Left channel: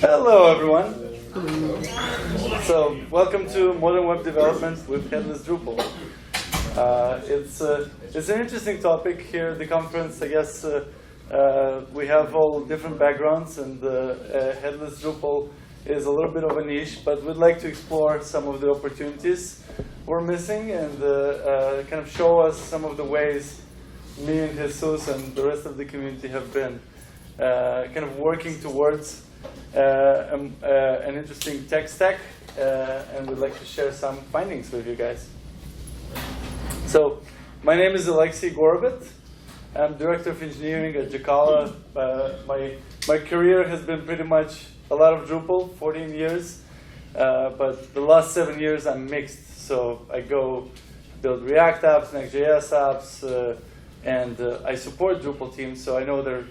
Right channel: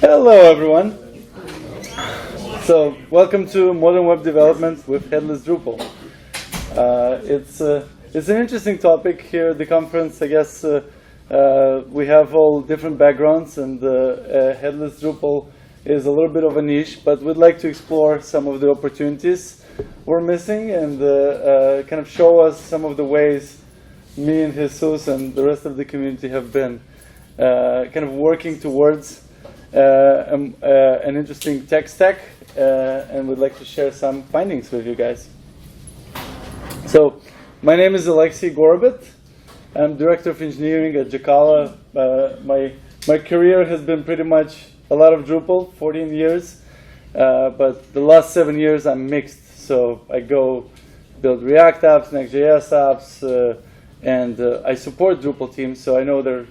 Hello, everyone. So, welcome to Modern Web Development with Headless Drupal. It's an interesting topic here at the conference. I guess we have all different backgrounds, and Headless Drupal is a little bit of a niche, but we'd like to explore some of the opportunities we're missing and kind of show us some of the ways me and Jesus and the rest of the community have been kind of working towards an interesting tech stack, and we'd like to share some findings with you guys. So, my name is Alexei Gorobet. I'm Director of Engineering at Jacala. My career has been pretty much a lot of Drupal, 14 years, but the last 7 years I'm mixed. So I go build React apps, Next.js apps, and I support Drupal teams, so I know their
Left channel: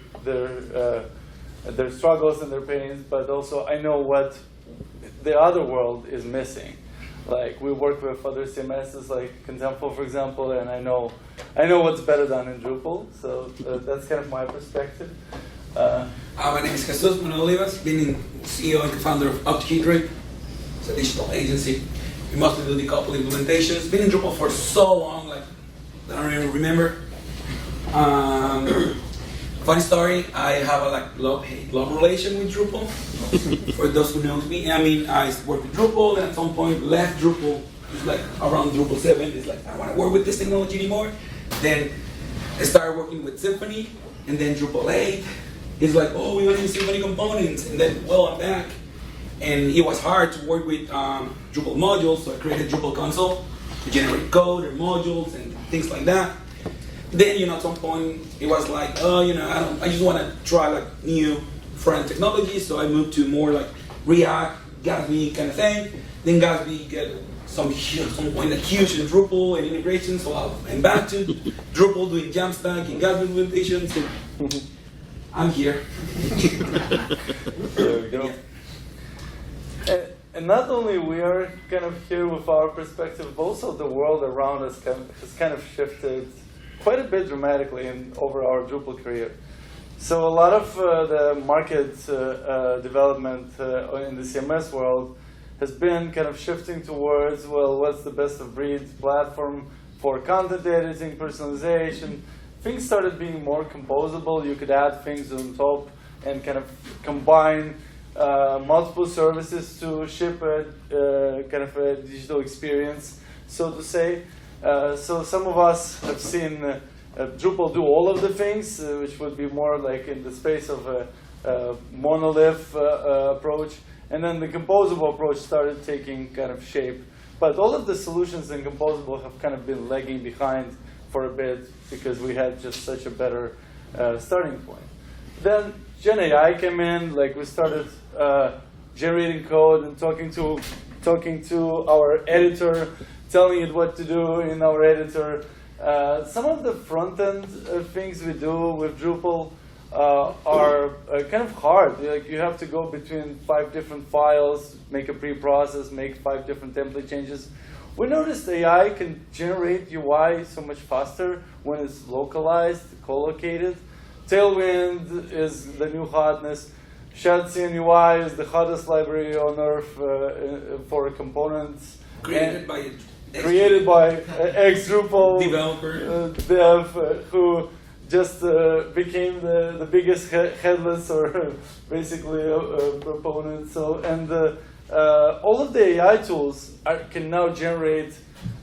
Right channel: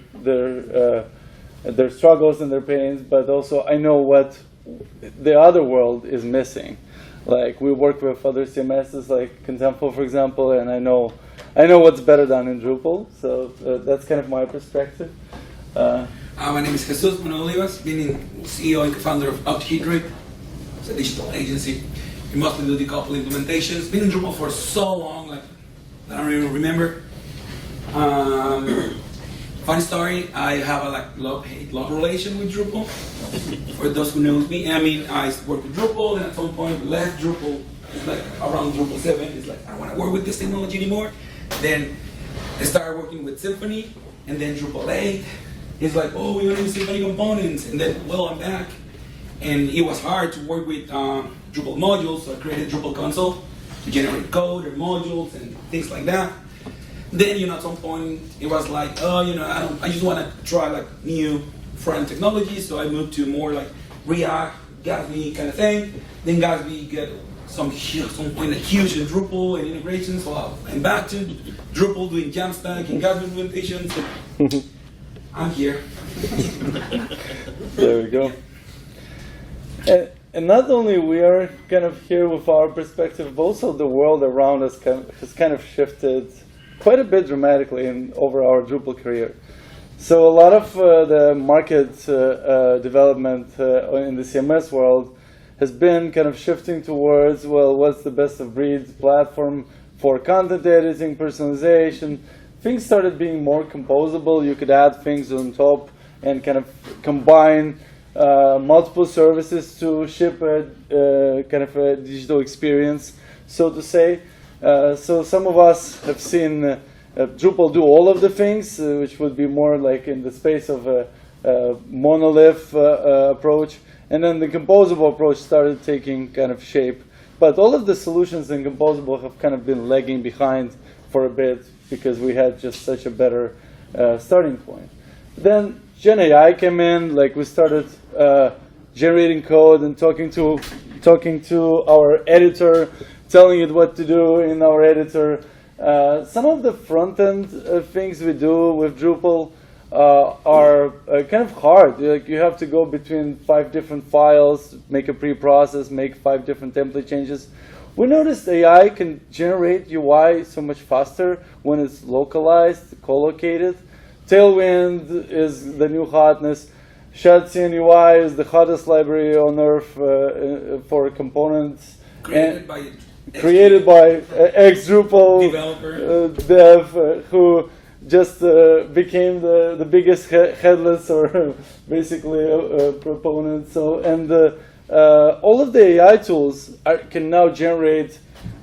struggles and their pains, but also I know what the other world is missing. Like, we work with other CMSs like Contempo, for example, and I know what's better done in Drupal, so that's kind of my perspective. My name is Jesus Manuel Olivas, been CEO and co-founder of contrib. It's a digital agency. We mostly do decouple implementations. Been in Drupal for so long, like, I don't really remember. Funny story, I have a love-hate relation with Drupal. For those who knows me, I mean, I worked with Drupal, and at some point left Drupal. It's like around Drupal 7. It's like, I don't want to work with this technology anymore. Then I started working with Symfony, and then Drupal 8. It's like, oh, we want to use Symfony components, and then, well, I'm back. And it was hard to work with Drupal modules, so I created Drupal console to generate code or modules and things like that. Then, at some point, it was like, oh, I just want to try like new front technology, so I moved to more like React, Gatsby kind of thing. Then Gatsby get some point like huge in Drupal and integration, so I'm back to Drupal doing Jamstack and Gatsby implementations. So I'm here. There we go. And not only we are kind of here with our perspective, but also the world around us has kind of shifted quite a bit dramatically over our Drupal career. So a lot of the market development in the CMS world has been kind of shifting towards, well, what's the best of breed platform for content editing, personalization. Things started being more composable. You could add things on top and kind of combine multiple services to ship a kind of a digital experience, so to say. So some of us have seen Drupal do all of the things, which would be more like in the space of a monolith approach. And then the composable approach started taking kind of shape. But all of the solutions in composable have kind of been lagging behind for a bit because we had just such a better starting point. Then Gen AI came in, like we started generating code and talking to our editor, telling it what to do in our editor. Some of the front-end things we do with Drupal are kind of hard. Like, you have to go between 5 different files, make a pre-process, make 5 different template changes. We noticed AI can generate UI so much faster when it's localized, co-located. Tailwind is the new hotness. ShadCN UI is the hottest library on earth for components. Created by ex-Drupal developer dev who just became the biggest headless or basically proponent. So, and all of the AI tools can now generate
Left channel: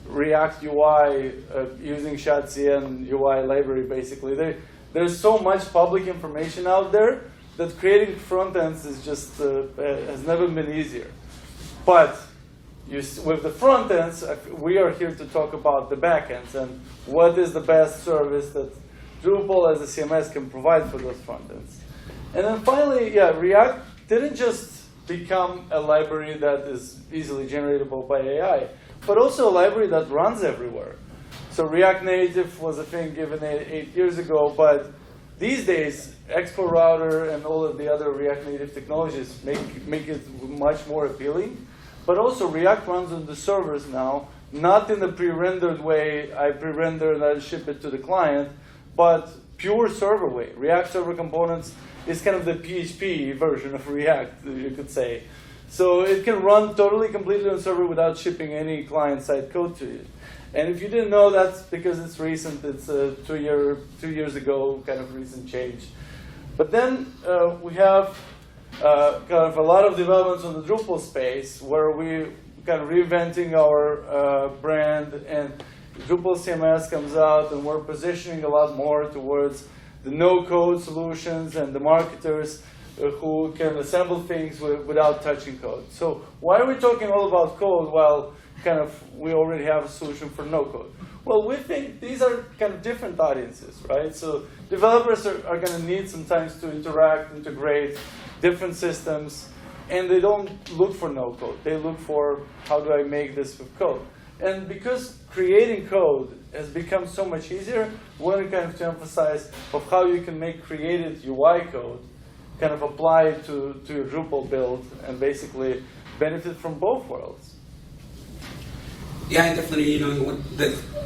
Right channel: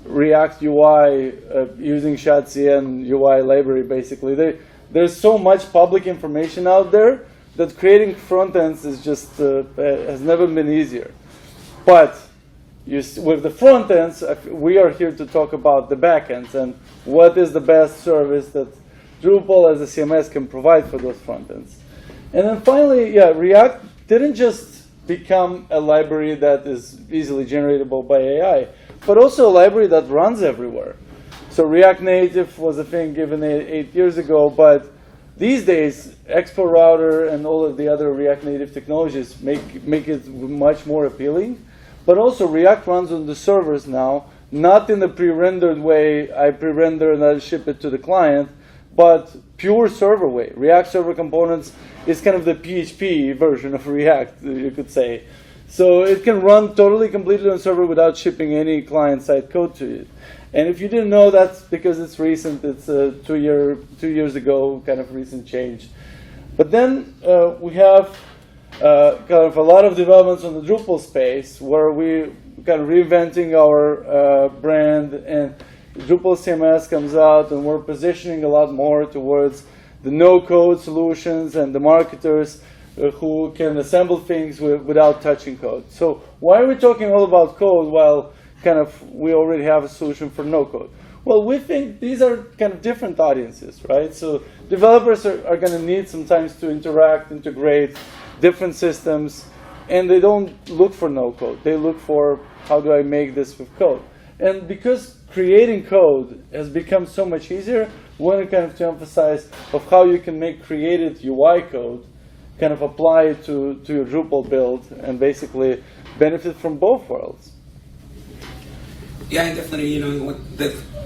React UI using ShadCN UI library. Basically, there's so much public information out there that creating front ends is just has never been easier. But with the front ends, we are here to talk about the back ends and what is the best service that Drupal as a CMS can provide for those front ends. And then finally, React didn't just become a library that is easily generatable by AI, but also a library that runs everywhere. So React Native was a thing given 8 years ago, but these days, Expo Router and all of the other React Native technologies make it much more appealing. But also, React runs on the servers now, not in the pre-rendered way. I pre-render and I ship it to the client, but pure server way. React Server Components is kind of the PHP version of React, you could say. So it can run totally completely on server without shipping any client-side code to it. And if you didn't know, that's because it's recent. It's a 2 years ago kind of recent change. But then we have kind of a lot of developments on the Drupal space where we kind of reinventing our brand, and Drupal CMS comes out, and we're positioning a lot more towards the no-code solutions and the marketers who can assemble things without touching code. So why are we talking all about code while kind of we already have a solution for no-code? Well, we think these are kind of different audiences, right? So developers are going to need sometimes to interact, integrate different systems, and they don't look for no-code. They look for, how do I make this with code? And because creating code has become so much easier, we want to emphasize of how you can make created UI code kind of apply to your Drupal build and basically benefit from both worlds. Yeah, definitely.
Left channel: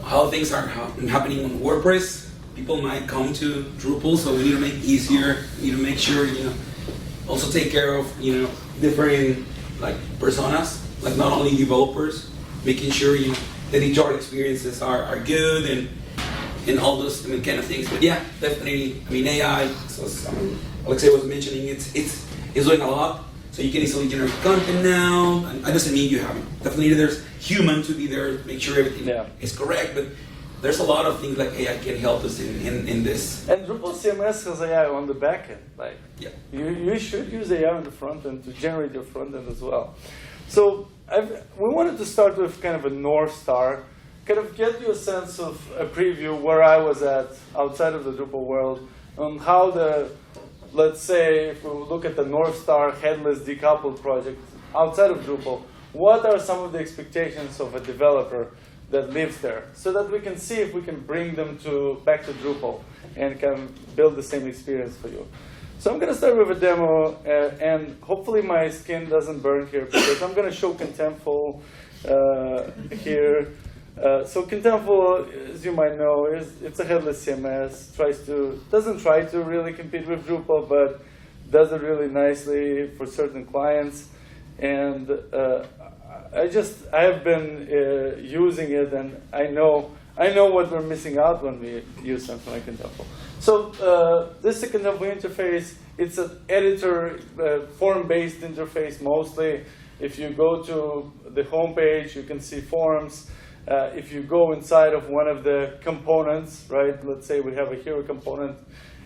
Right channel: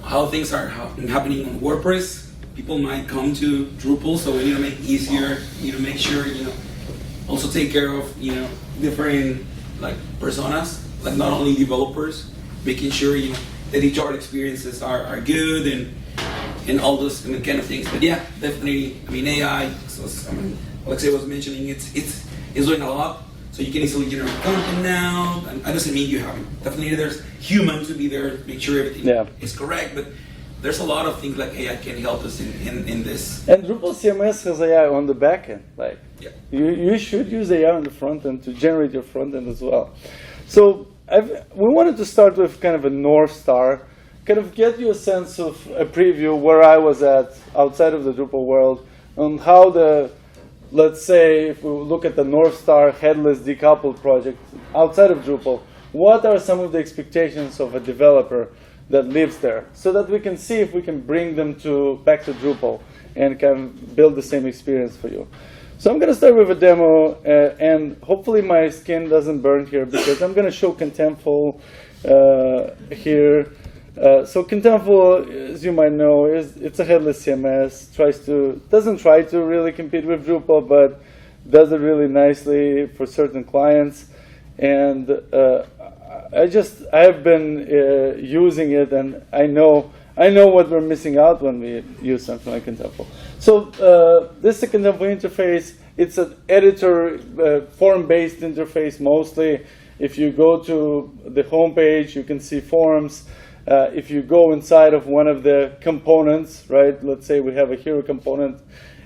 How things are happening on WordPress. People might come to Drupal, so we need to make it easier. We need to make sure, also take care of, different like personas, like not only developers, making sure the HR experiences are good and all those kind of things. But yeah, definitely. AI. So Alexei was mentioning it's doing a lot. So you can easily generate content now. And that doesn't mean you haven't. Definitely there's human to be there, make sure everything is correct. But there's a lot of things like AI can help us in this. And Drupal CMS has AI on the back end. You should use AI on the front end to generate your front end as well. So we wanted to start with kind of a North Star, kind of get you a sense of a preview where I was at outside of the Drupal world, on how let's say if we look at the North Star headless decoupled project outside of Drupal, what are some of the expectations of a developer that lives there, so that we can see if we can bring them back to Drupal and can build the same experience for you. So I'm going to start with a demo, and hopefully my skin doesn't burn here because I'm going to show Contentful here. So Contentful, as you might know, it's a headless CMS. Doesn't try to really compete with Drupal, but does it really nicely for certain clients. And I have been using it, and I know what we're missing out when we use something like Contentful. So this is a Contentful interface. It's an editor, form-based interface mostly. If you go to the home page, you can see forms. If you go inside of one of the components, right? Let's say we have a hero component,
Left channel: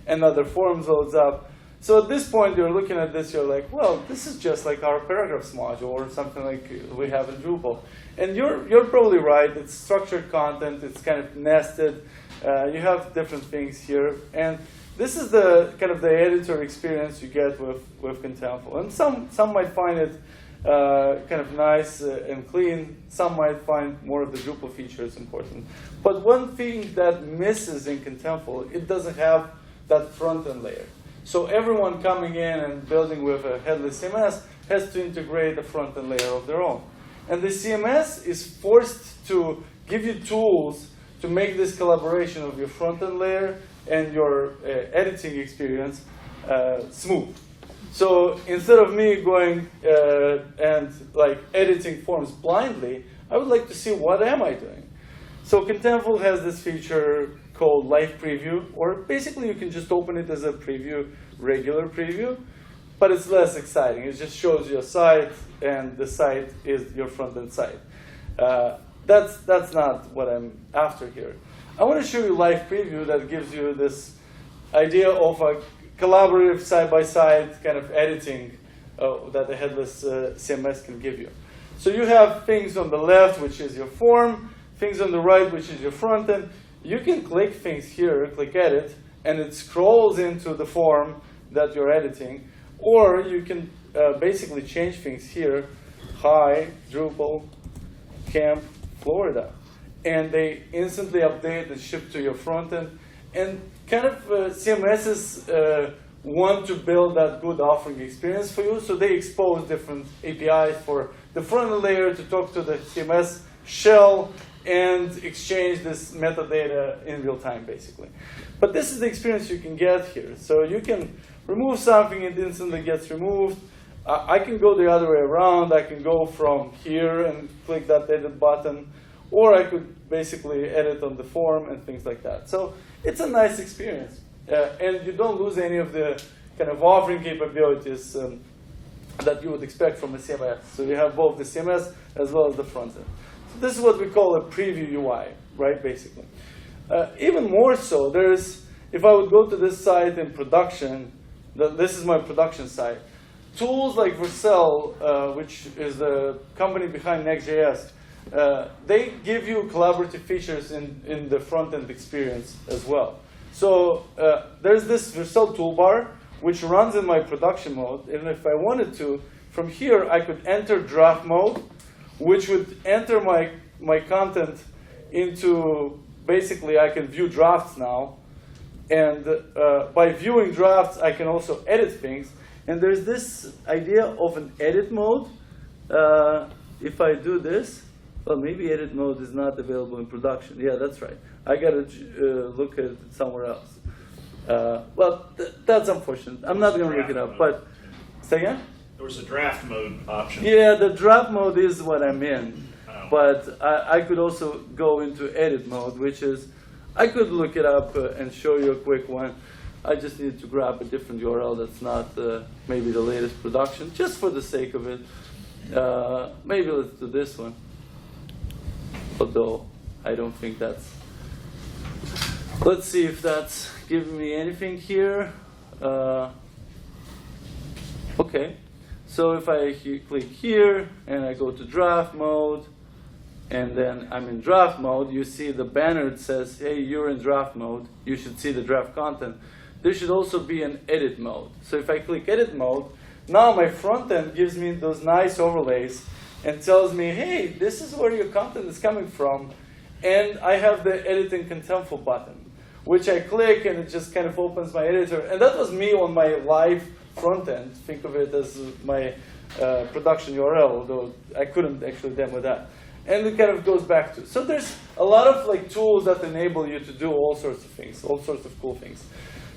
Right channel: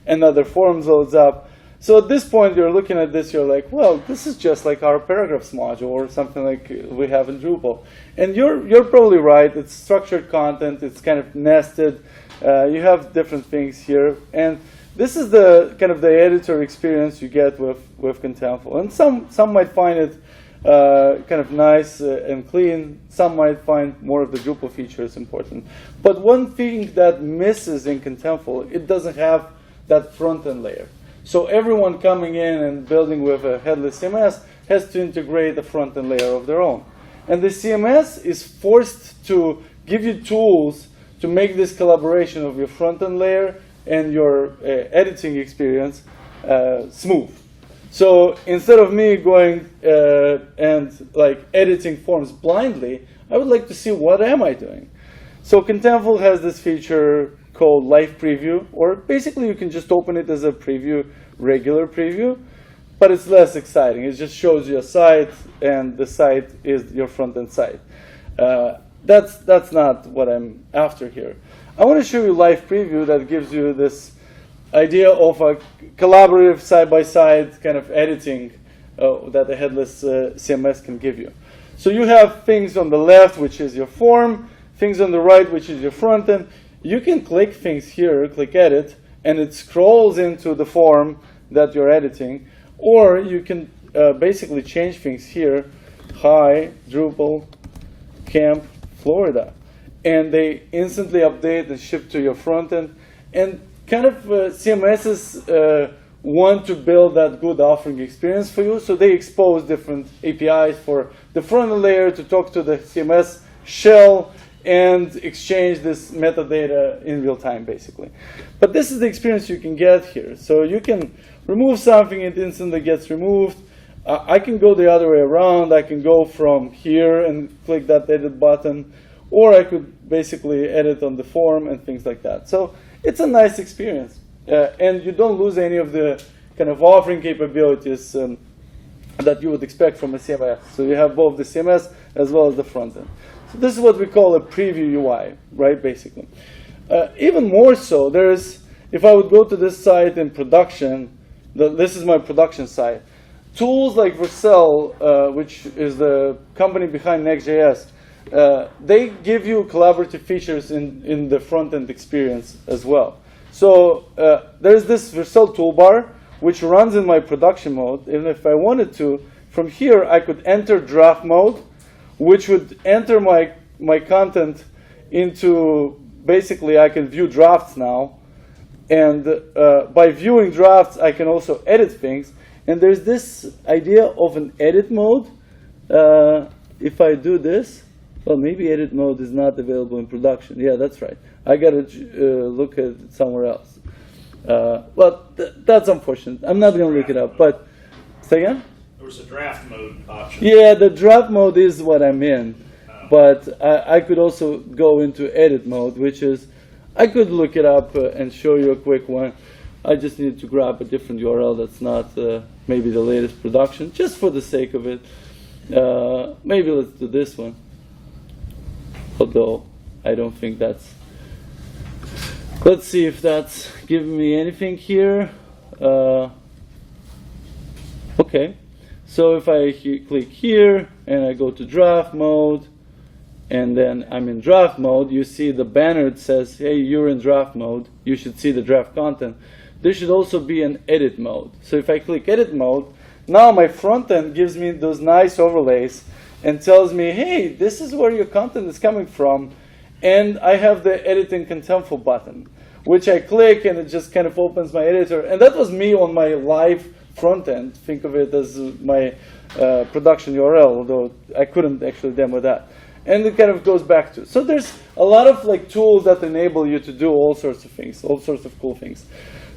another forms loads up. So at this point, you're looking at this, you're like, well, this is just like our paragraphs module or something like we have in Drupal. And you're probably right. It's structured content. It's kind of nested. You have different things here. And this is the kind of the editor experience you get with Contentful. And some might find it kind of nice and clean. Some might find more of the Drupal features important. But one thing that misses in Contentful, it doesn't have that front-end layer. So everyone coming in and building with a headless CMS has to integrate a front-end layer of their own. And the CMS is forced to give you tools to make this collaboration of your front-end layer and your editing experience smooth. So instead of me going and like editing forms blindly, I would like to see what am I doing. So Contentful has this feature called Live Preview, or basically you can just open it as a preview, regular preview, but it's less exciting. It just shows you a site, and the site is your front-end site. That's not what I'm after here. I want to show you Live Preview that gives you this idea of a collaborative side-by-side kind of editing that a headless CMS can give you. So you have things on the left, which is your form, things on the right, which is your front end. You can click things here, click edit, and it scrolls into the form that you're editing. Or you can basically change things here. Hi, Drupal, Camp, Florida. And they instantly update and ship to your front end. And kind of CMSs want to build that good offering experience for you. So they expose different APIs for the front end layer to talk to the CMS shell and exchange this metadata in real time, basically. But this is the experience you can get here. So you can remove something, it instantly gets removed. I can go the other way around. I can go from here and click that edit button, or I could basically edit on the form and things like that. So it's a nice experience. And you don't lose any of the kind of authoring capabilities that you would expect from a CMS. So you have both the CMS as well as the front end. So this is what we call a preview UI, right, basically. Even more so, if I would go to this site in production, this is my production site. Tools like Vercel, which is the company behind Next.js, they give you collaborative features in the front-end experience as well. So there's this Vercel toolbar, which runs in my production mode. And if I wanted to, from here, I could enter draft mode, which would enter my content into, basically, I can view drafts now. And by viewing drafts, I can also edit things. And there's this idea of an edit mode. If I do this, well, maybe edit mode is not available in production. Yeah, that's right. I got to look at it somewhere else. Well, that's unfortunate. I'm not going to look it up. But say again? There was a draft mode option. Yeah, the draft mode is what I'm in. Oh. But I could also go into edit mode, which is, I could look it up and show you a quick one. I just need to grab a different URL that's not maybe the latest production, just for the sake of it. Maybe let's do this one. Although I don't think that's. Let's see if that's giving me anything here. Okay, so if I click here and I go to draft mode, and then I'm in draft mode, you see the banner that says, hey, you're in draft mode. You should see the draft content. There should also be an edit mode. So if I click edit mode, now my front end gives me those nice overlays and tells me, hey, this is where your content is coming from. And I have the edit in contentful button, which I click and it just kind of opens my editor. And that was me on my live front end. Think of it as my production URL, although I couldn't actually demo that. And it kind of goes back to. So there's a lot of tools that enable you to do all sorts of things, all sorts of cool things.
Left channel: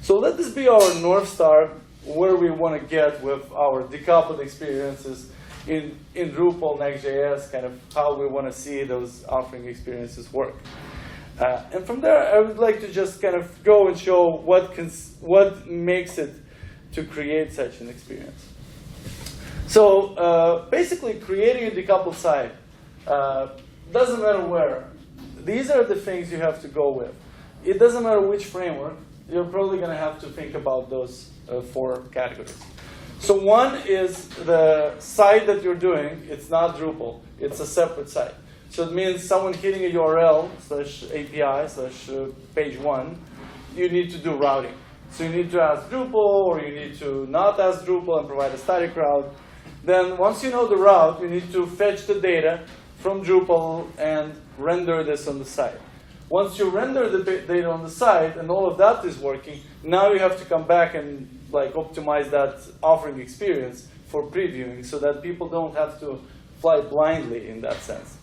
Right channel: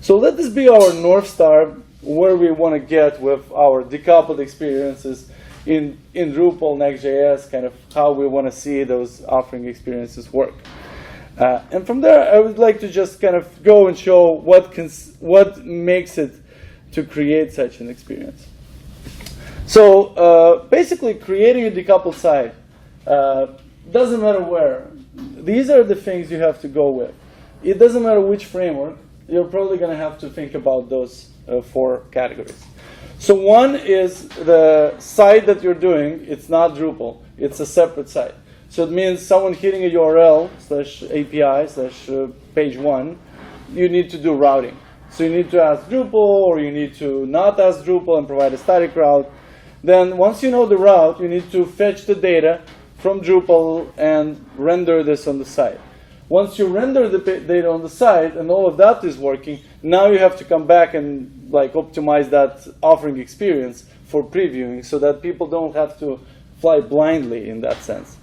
So let this be our North Star, where we want to get with our decoupled experiences in Drupal, Next.js, kind of how we want to see those authoring experiences work. And from there, I would like to just kind of go and show what makes it to create such an experience. So basically, creating a decoupled site doesn't matter where. These are the things you have to go with. It doesn't matter which framework. You're probably going to have to think about those 4 categories. So one is the site that you're doing. It's not Drupal. It's a separate site. So it means someone hitting a URL /API /page 1, you need to do routing. So you need to ask Drupal, or you need to not ask Drupal and provide a static route. Then once you know the route, you need to fetch the data from Drupal and render this on the site. Once you render the data on the site and all of that is working, now you have to come back and optimize that authoring experience for previewing so that people don't have to fly blindly in that sense.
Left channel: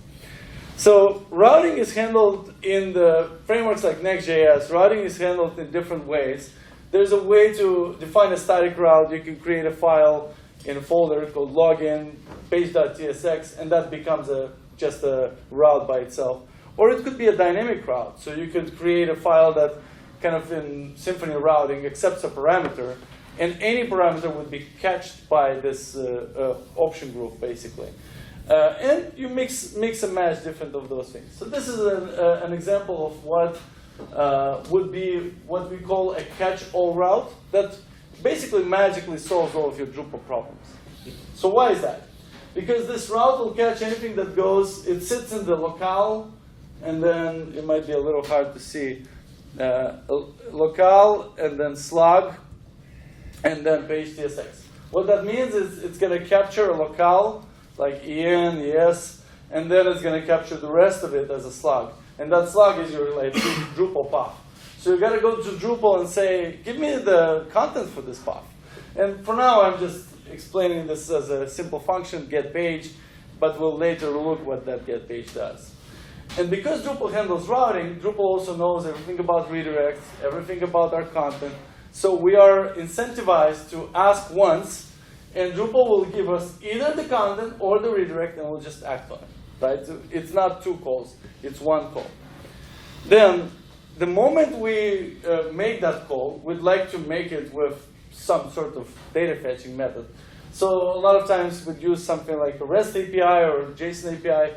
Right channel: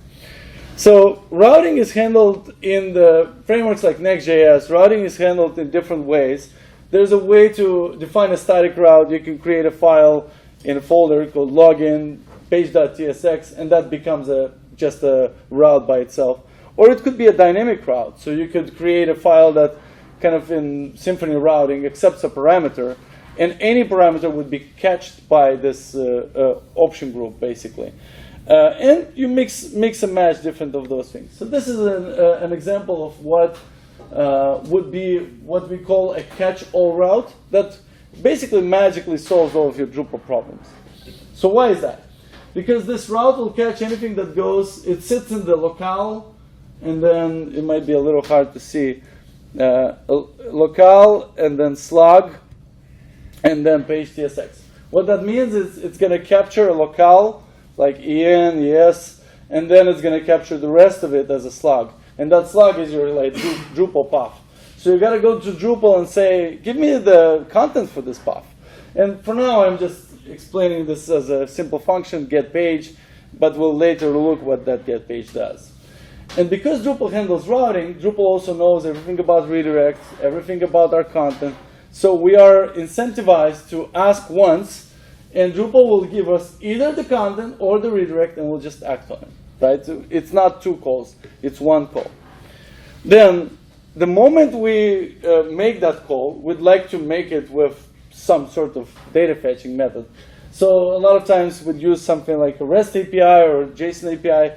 So routing is handled in the frameworks like Next.js. Routing is handled in different ways. There's a way to define a static route. You can create a file in a folder called login, page.tsx, and that becomes just a route by itself. Or it could be a dynamic route. So you could create a file that kind of in Symfony routing accepts a parameter, and any parameter would be catched by this option group, basically. And you mix and match different of those things. So this is an example of what would be what we call a catch-all route that basically magically solves all of your Drupal problems. So why is that? Because this route will catch anything that goes, it sits in the locale, and then it might be a little hard to see. Locale, and then slug, and then page tsx. What that means is it's going to capture a locale, like en, es, and then it's going to capture the rest of it as a slug. And that slug is your Drupal path. So you got to go to Drupal and say, give me the content for this path. And for now, I'm just explaining this as a simple function, get page, but we'll later look what that get page does. And because Drupal handles routing, Drupal also knows everything about redirects, everything about our content. So we are incentivized to ask once, and Drupal will give us either the content or the redirect, and we'll just act on it. Right? So it's not 2 calls, it's 1 call. Then, the moment we make that call, we'd like to make it with some sort of data fetching method. So a lot of times we'd use something like a REST API or JSON API.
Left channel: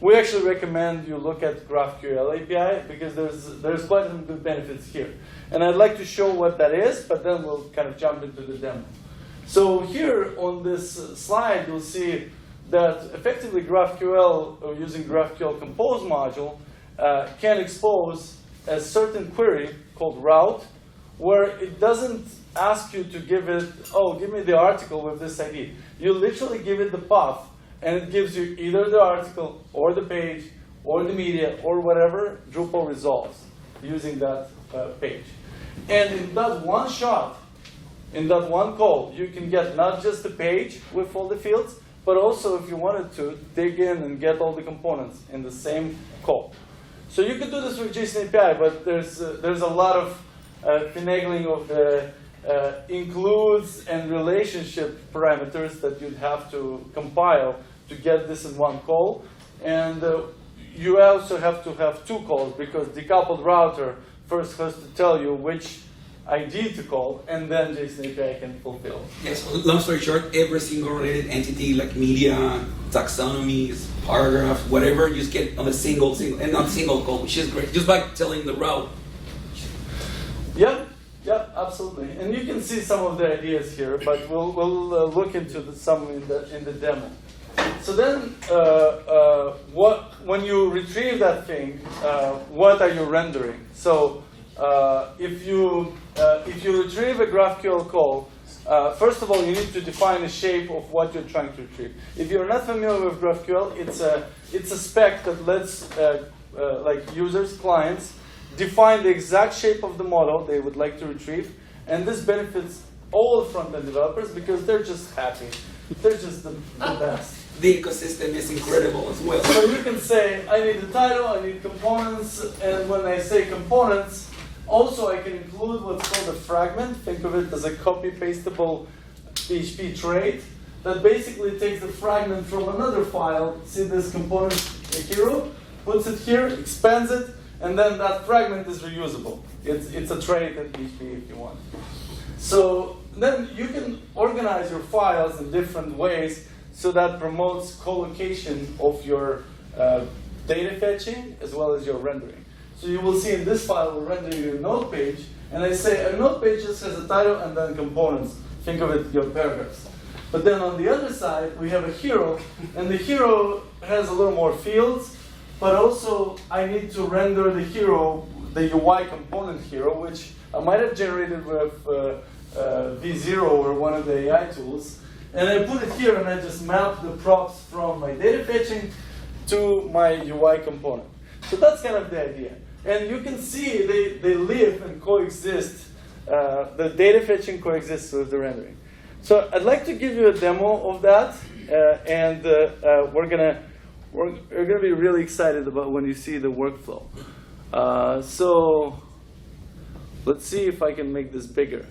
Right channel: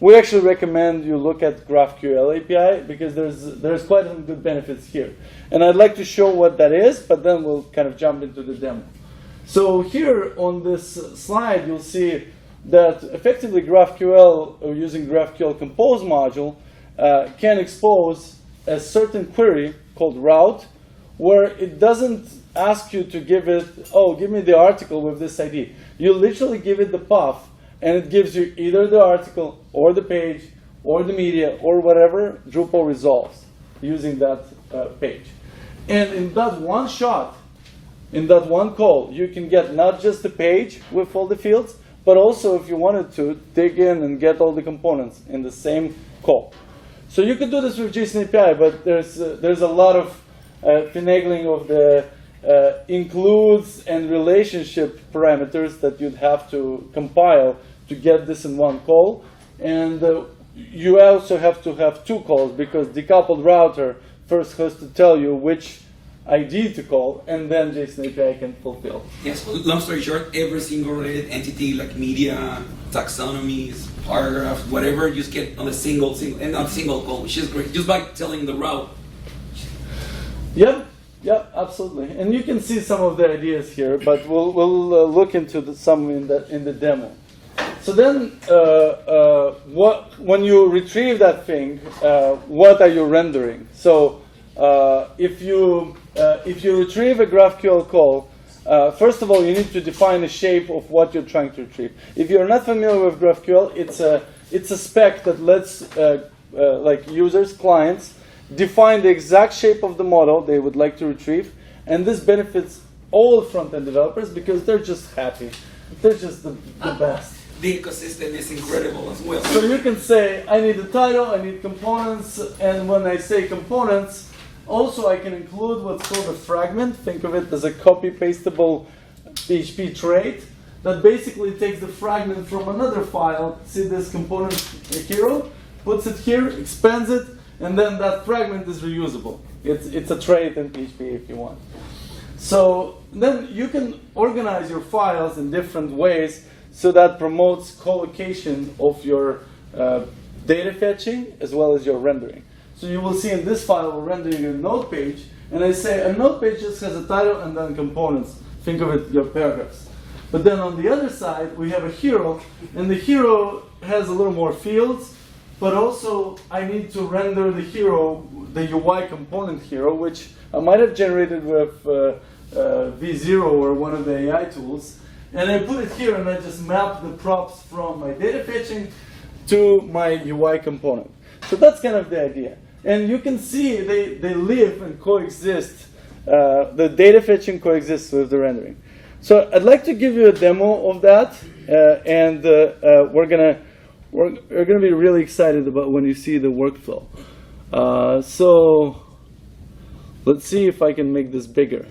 We actually recommend you look at GraphQL API because there's quite some good benefits here. And I'd like to show what that is, but then we'll kind of jump into the demo. So here on this slide, you'll see that effectively GraphQL, or using GraphQL Compose module, can expose a certain query called route, where it doesn't ask you to give it, oh, give me the article with this ID. You literally give it the path, and it gives you either the article, or the page, or the media, or whatever Drupal resolves using that page. And in that one shot, in that one call, you can get not just the page with all the fields, but also, if you wanted to, dig in and get all the components in the same call. So you could do this with JSON API, but there's a lot of finagling of the includes and relationship parameters that you'd have to compile to get this in one call. And you also have to have 2 calls, because decoupled router first has to tell you which ID to call, and then JSON API can fulfill. Yes, long story short, every single related entity like media, taxonomies, paragraphs, whatever, you just get on a single and not single call, which is great, just by telling the route. Yep, absolutely. And you can see some of the ideas here, but we'll look into some in the demo. So then, when you retrieve that thing, what are you rendering? So if you retrieve a GraphQL call, first of all, you need to define a shape of what you're trying to retrieve. If you're not familiar with GraphQL, it's a spec that lets like users, clients, define the exact shape of the model they would like to retrieve, and this benefits all front-end developers because they're just happy. They're just the best. The ecosystem is incredible as well. So you can say, I need the title, I need components, and when I say components, also I can include what's called a fragment. Think of it as a copy-pastable PHP trait that basically takes the fragment from another file, see this component hero, puts it here, expands it, and then that fragment is reusable. It's a trait in PHP if you want. So then you can organize your files in different ways, so that promotes collocation of your data fetching as well as your rendering. So you will see in this file, we're rendering a node page, and I say a node page just has a title and then components. Think of it, your paragraphs. But then on the other side, we have a hero, and the hero has a little more fields, but also I need to render the hero, the UI component hero, which I might have generated with V0 or one of the AI tools. And I put it here, and I just map the props from my data fetching to my UI component. So that's kind of the idea. And you can see they live and coexist. The data fetching coexists with the rendering. So I'd like to give you a demo of that, and we're gonna be really excited about when you see the workflow. So let's see if I can make this bigger.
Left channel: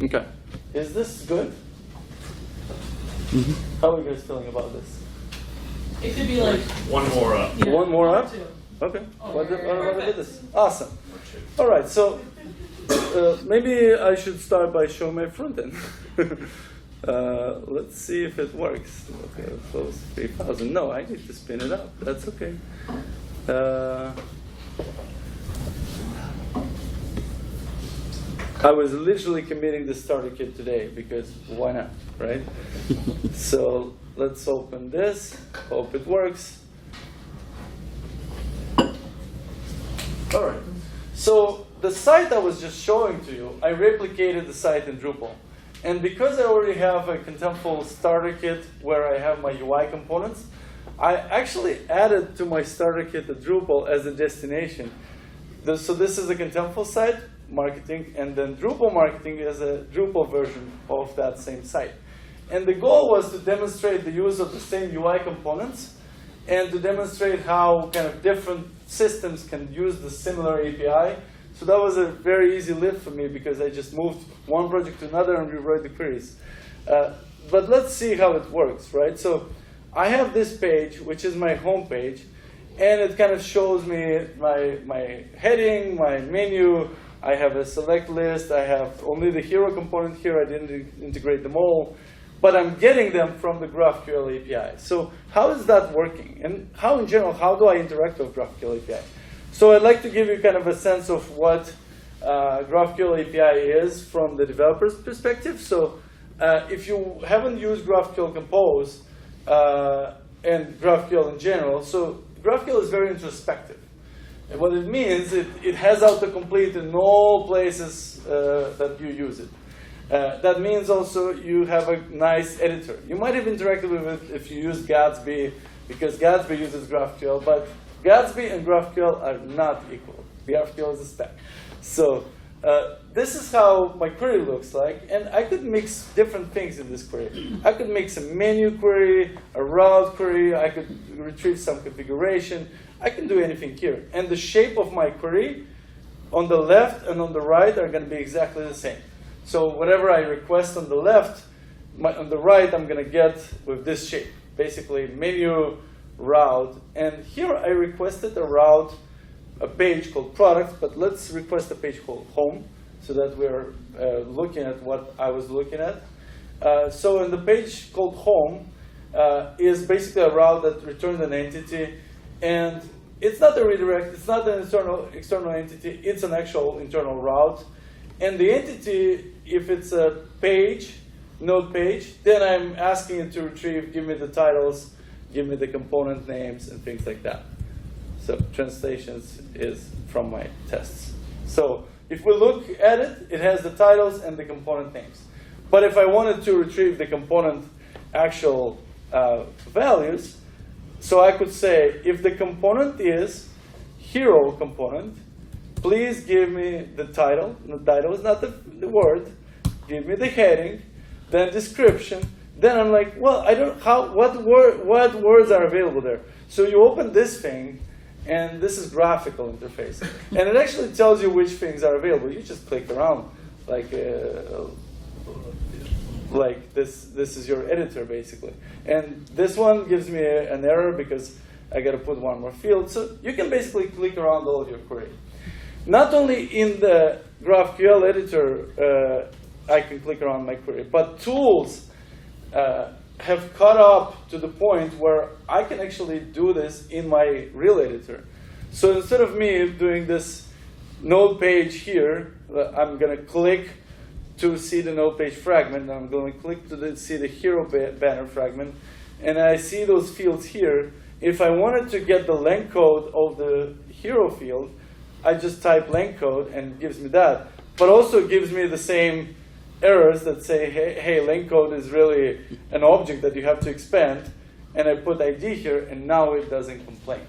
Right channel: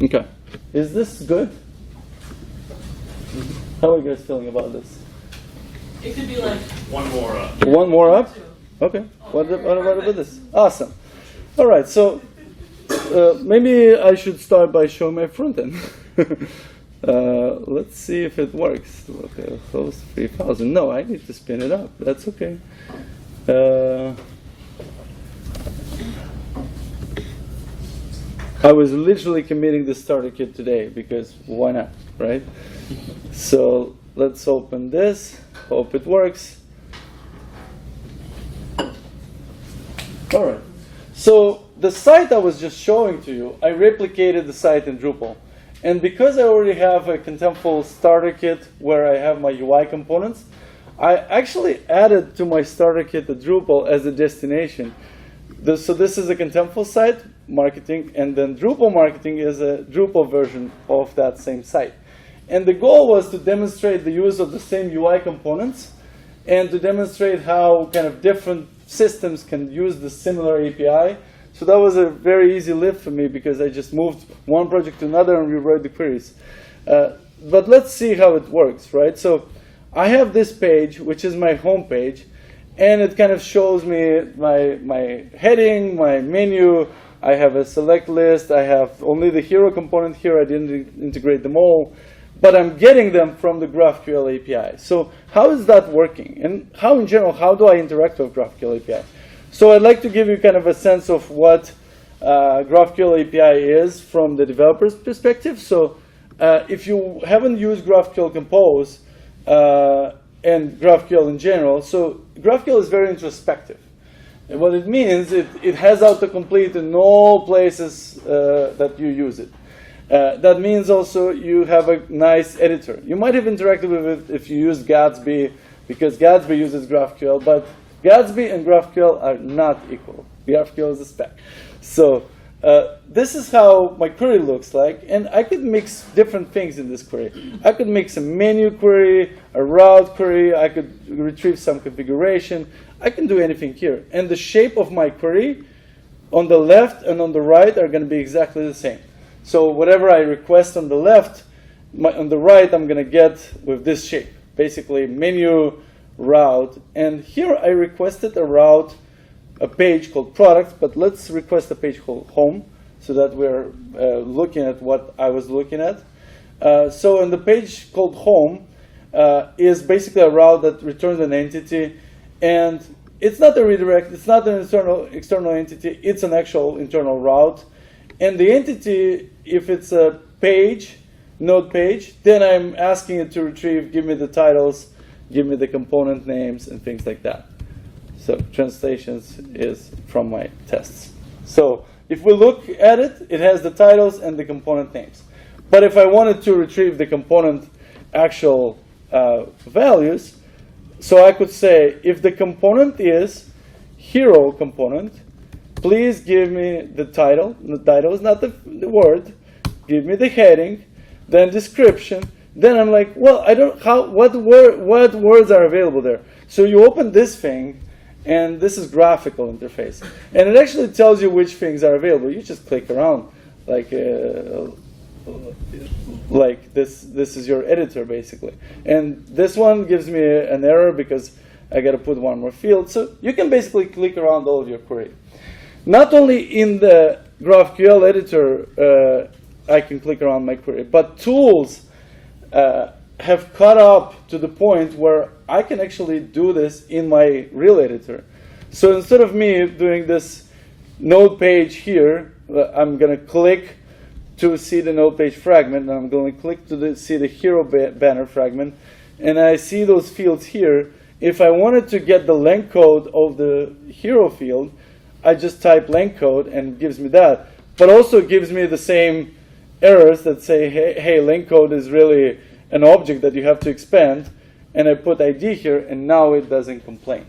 Okay, is this good? Mm-hmm. How are you guys feeling about this? It could be like One more up. Yeah, One more up? 2. Okay. What about this? Awesome. All right. So maybe I should start by showing my front end. Let's see if it works. Okay, close 3,000. No, I need to spin it up. That's okay. I was literally committing the starter kit today because why not, right? So let's open this. Hope it works. All right. So the site I was just showing to you, I replicated the site in Drupal. And because I already have a contemptual starter kit where I have my UI components, I actually added to my starter kit the Drupal as a destination. So this is a contemptual site, marketing, and then Drupal marketing is a Drupal version of that same site. And the goal was to demonstrate the use of the same UI components and to demonstrate how kind of different systems can use the similar API. So that was a very easy lift for me because I just moved one project to another and rewrote the queries. But let's see how it works, right? So I have this page, which is my home page, and it kind of shows me my heading, my menu. I have a select list. I have only the hero component here. I didn't integrate them all. But I'm getting them from the GraphQL API. So how is that working? And how, in general, how do I interact with GraphQL API? So I'd like to give you kind of a sense of what GraphQL API is from the developer's perspective. So if you haven't used GraphQL Compose and GraphQL in general, so GraphQL is very introspective. And what it means, it has autocomplete in all places that you use it. That means also you have a nice editor. You might have interacted with it if you use Gatsby, because Gatsby uses GraphQL, but Gatsby and GraphQL are not equal. GraphQL is a spec. So this is how my query looks like, and I could mix different things in this query. I could mix a menu query, a route query, I could retrieve some configuration. I can do anything here. And the shape of my query on the left and on the right are going to be exactly the same. So whatever I request on the left, on the right, I'm going to get with this shape. Basically, menu, route. And here I requested a route, a page called product, but let's request a page called home so that we're looking at what I was looking at. So in the page called home is basically a route that returns an entity. And it's not a redirect. It's not an external entity. It's an actual internal route. And the entity, if it's a page, node page, then I'm asking it to retrieve, give me the titles, give me the component names, and things like that. So translations is from my tests. So if we look at it, it has the titles and the component names. But if I wanted to retrieve the component actual values, so I could say, if the component is hero component, please give me the title. The title is not the word. Give me the heading, then description. Then I'm like, well, I don't what words are available there. So you open this thing, and this is graphical interface, and it actually tells you which things are available. You just click around, like this. This is your editor basically, and this one gives me an error because I got to put one more field. So you can basically click around all of your query. Not only in the GraphQL editor I can click around my query, but tools have caught up to the point where I can actually do this in my real editor. So instead of me doing this node page here, I'm going to click to see the node page fragment, and I'm going to click to see the hero banner fragment, and I see those fields here. If I wanted to get the length code of the hero field, I just type length code and it gives me that. But also gives me the same errors that say, hey, length code is really an object that you have to expand. And I put ID here, and now it doesn't complain.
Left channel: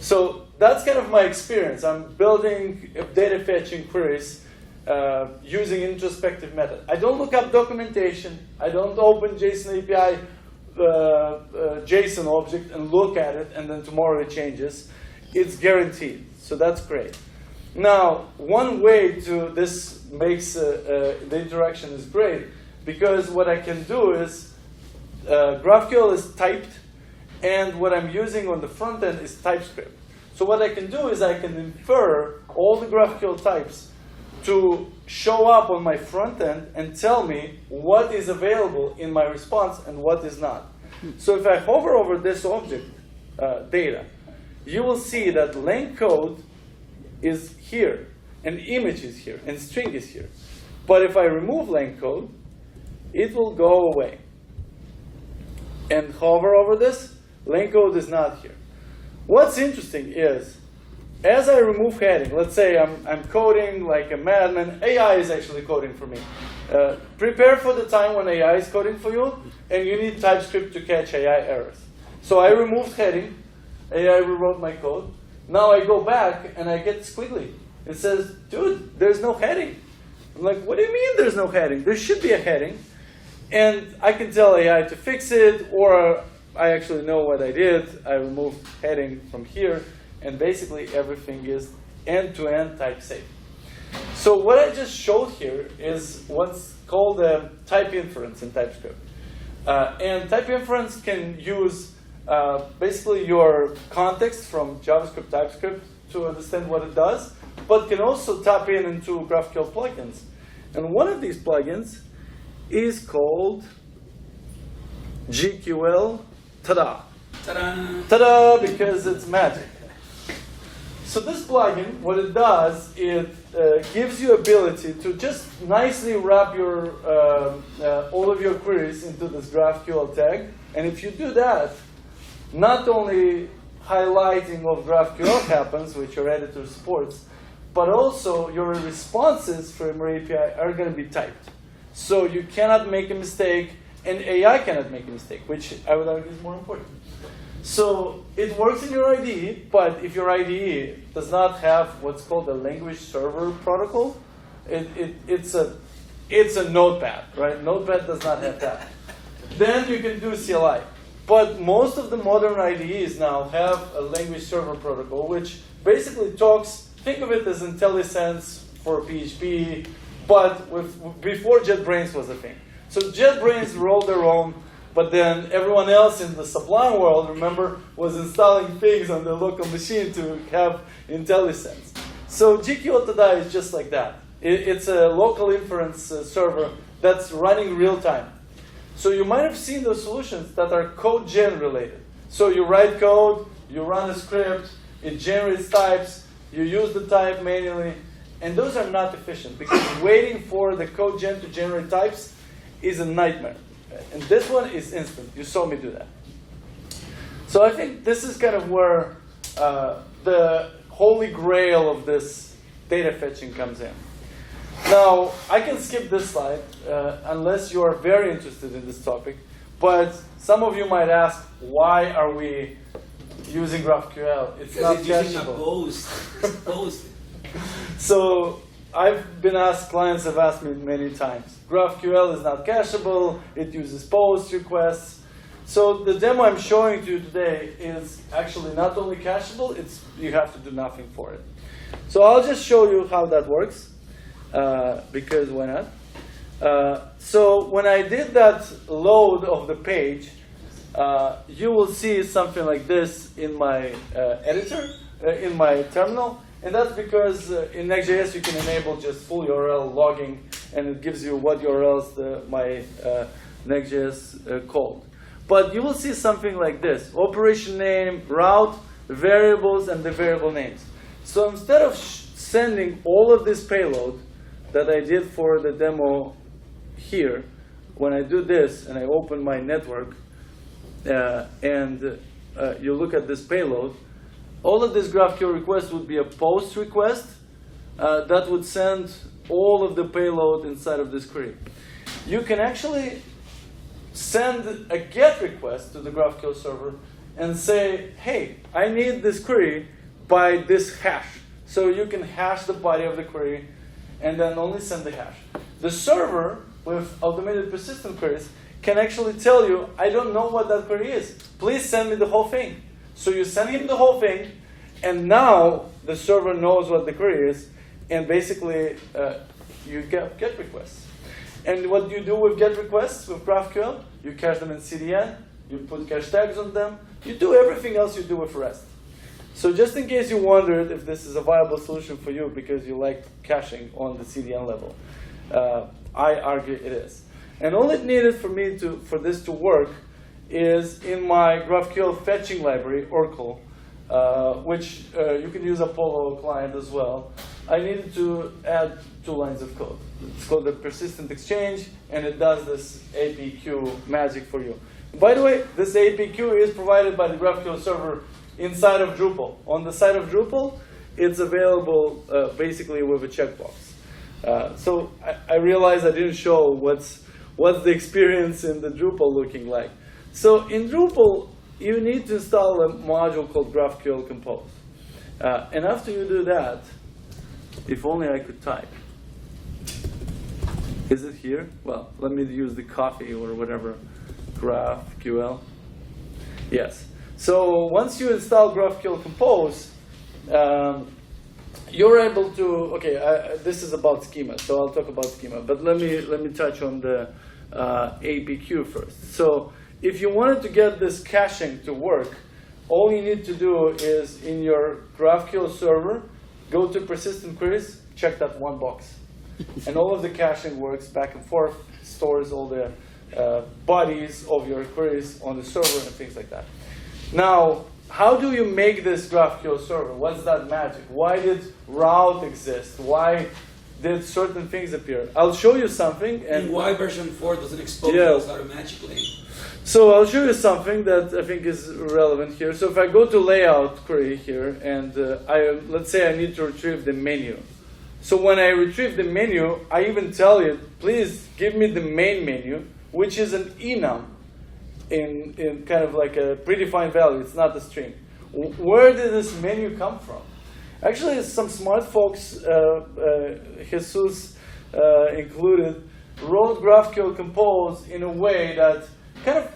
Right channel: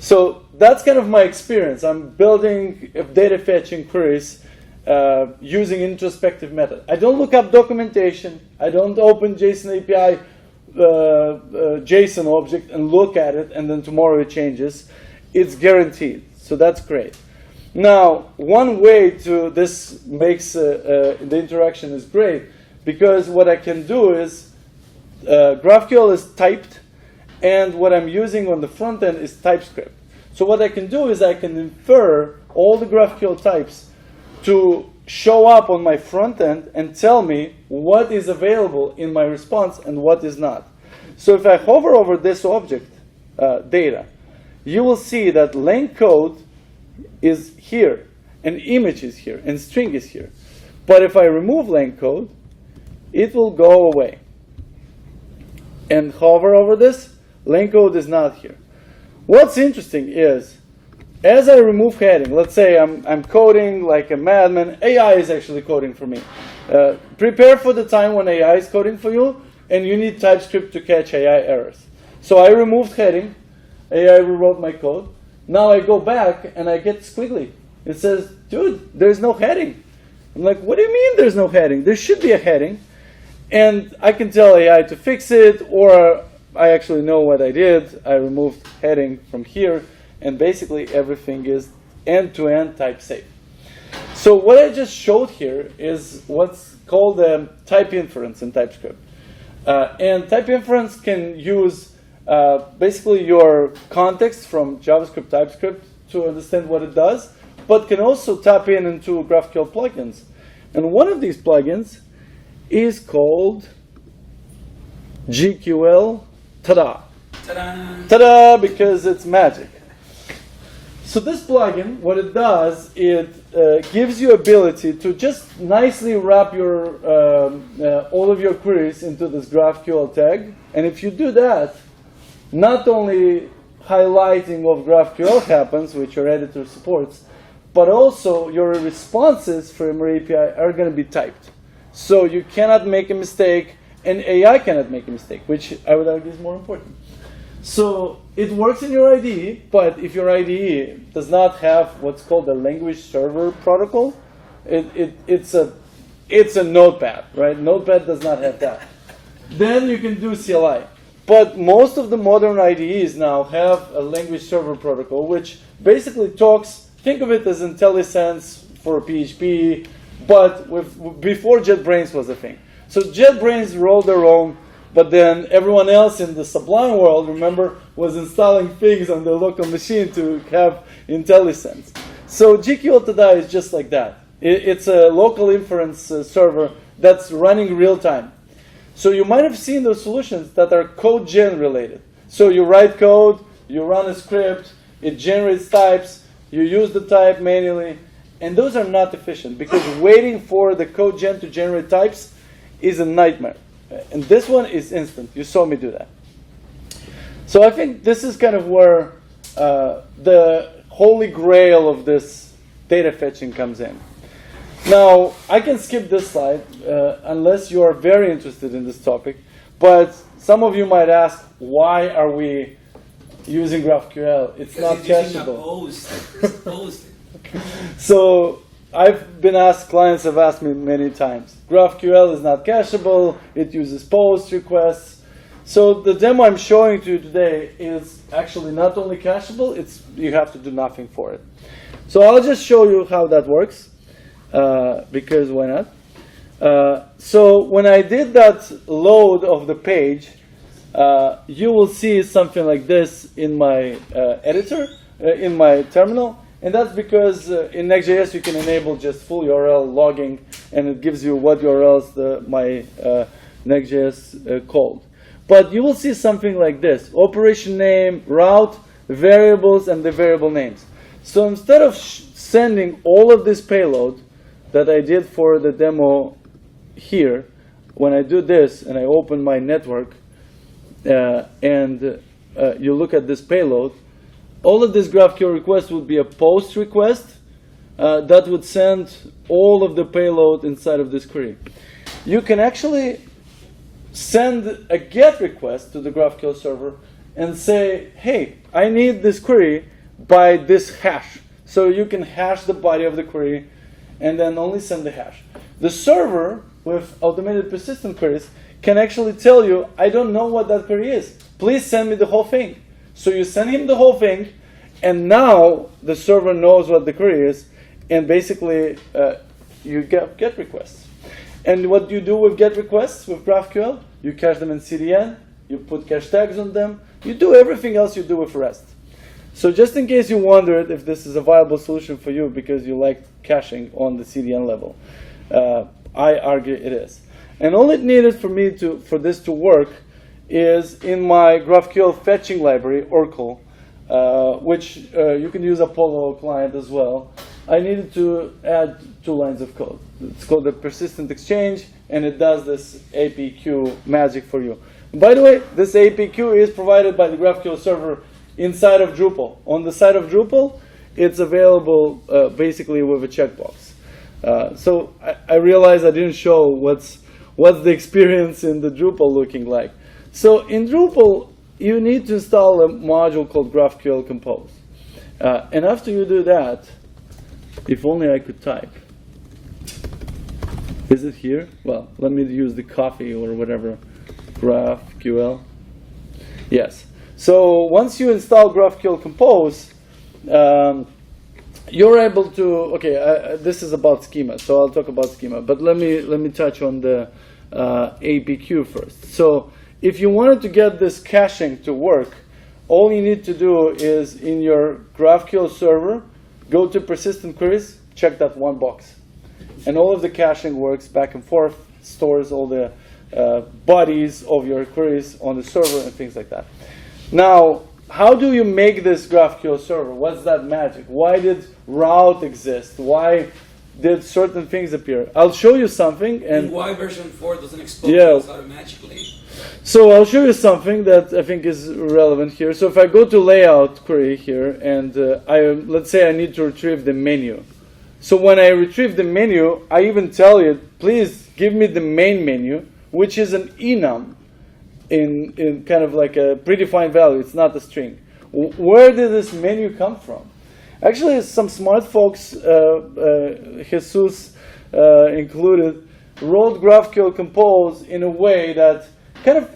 So that's kind of my experience. I'm building data fetching queries using introspective method. I don't look up documentation. I don't open JSON API JSON object and look at it, and then tomorrow it changes. It's guaranteed. So that's great. Now, one way to this makes the interaction is great, because what I can do is GraphQL is typed, and what I'm using on the front end is TypeScript. So what I can do is I can infer all the GraphQL types to show up on my front end and tell me what is available in my response and what is not. So if I hover over this object data, you will see that length code is here, and image is here, and string is here. But if I remove length code, it will go away. And hover over this, length code is not here. What's interesting is, as I remove heading, let's say I'm coding like a madman. AI is actually coding for me. Prepare for the time when AI is coding for you, and you need TypeScript to catch AI errors. So I removed heading. AI rewrote my code. Now I go back and I get squiggly. It says, dude, there's no heading. I'm like, what do you mean there's no heading? There should be a heading. And I can tell AI to fix it, or I actually know what I did. I removed heading from here, and basically everything is end-to-end type safe. So what I just showed here is what's called type inference in TypeScript. And type inference can use basically your context from JavaScript, TypeScript to understand what it does, but can also tap into GraphQL plugins. And one of these plugins is called GQL. Ta-da! Ta-da! Ta-da! Because it's magic. So this plugin, what it does, it gives you ability to just nicely wrap your all of your queries into this GraphQL tag. And if you do that, not only highlighting of GraphQL happens, which your editor supports, but also your responses from your API are going to be typed. So you cannot make a mistake, and AI cannot make a mistake, which I would argue is more important. So it works in your IDE, but if your IDE does not have what's called a language server protocol, it's a notepad, right? Notepad does not have that. Then you can do CLI. But most of the modern IDEs now have a language server protocol, which basically talks, think of it as IntelliSense for PHP, but before JetBrains was a thing. So JetBrains rolled their own, but then everyone else in the Sublime world, remember, was installing things on their local machine to have IntelliSense. So GQL Tada is just like that. It's a local inference server that's running real time. So you might have seen those solutions that are code gen related. So you write code, you run a script, it generates types, you use the type manually, and those are not efficient because waiting for the code gen to generate types is a nightmare. And this one is instant. You saw me do that. So I think this is kind of where the holy grail of this data fetching comes in. Now, I can skip this slide unless you are very interested in this topic. But some of you might ask, why are we using GraphQL? It's not cacheable. So I've been asked, clients have asked me many times, GraphQL is not cacheable, it uses post requests. So the demo I'm showing to you today is actually not only cacheable, you have to do nothing for it. So I'll just show you how that works, because why not? So when I did that load of the page, you will see something like this in my editor, in my terminal. And that's because in Next.js you can enable just full URL logging, and it gives you what URLs my Next.js called. But you will see something like this: operation name, route, variables, and the variable names. So instead of sending all of this payload that I did for the demo here, when I do this and I open my network and you look at this payload, all of this GraphQL request would be a post request that would send all of the payload inside of this query. You can actually send a GET request to the GraphQL server and say, hey, I need this query by this hash. So you can hash the body of the query and then only send the hash. The server with automated persistent queries can actually tell you, I don't know what that query is. Please send me the whole thing. So you send him the whole thing, and now the server knows what the query is, and basically you get GET requests. And what you do with GET requests with GraphQL, you cache them in CDN, you put cache tags on them, you do everything else you do with REST. So just in case you wondered if this is a viable solution for you because you like caching on the CDN level, I argue it is. And all it needed for this to work is in my GraphQL fetching library, Oracle, which you can use Apollo client as well. I needed to add 2 lines of code. It's called the persistent exchange, and it does this APQ magic for you. And by the way, this APQ is provided by the GraphQL server inside of Drupal. On the side of Drupal, it's available basically with a checkbox. So I realized I didn't show what's the experience in the Drupal looking like. So in Drupal, you need to install a module called GraphQL Compose. And after you do that, if only I could type. Is it here? Well, let me use the coffee or whatever. GraphQL. Yes. So once you install GraphQL Compose, you're able to. Okay, this is about schema, so I'll talk about schema. But let me touch on the APQ first. So if you wanted to get this caching to work, all you need to do is in your GraphQL server, go to persistent queries, check that one box. And all of the caching works back and forth, stores all the bodies of your queries on the server and things like that. Now, how do you make this GraphQL server? What's that magic? Why did route exist? Why did certain things appear? I'll show you something. And why version 4 doesn't expose Yeah. those automatically? So I'll show you something that I think is relevant here. So if I go to layout query here, and let's say I need to retrieve the menu. So when I retrieve the menu, I even tell it, please give me the main menu, which is an enum in kind of like a predefined value. It's not a string. Where did this menu come from? Actually, some smart folks, Jesus included, wrote GraphQL Compose in a way that kind of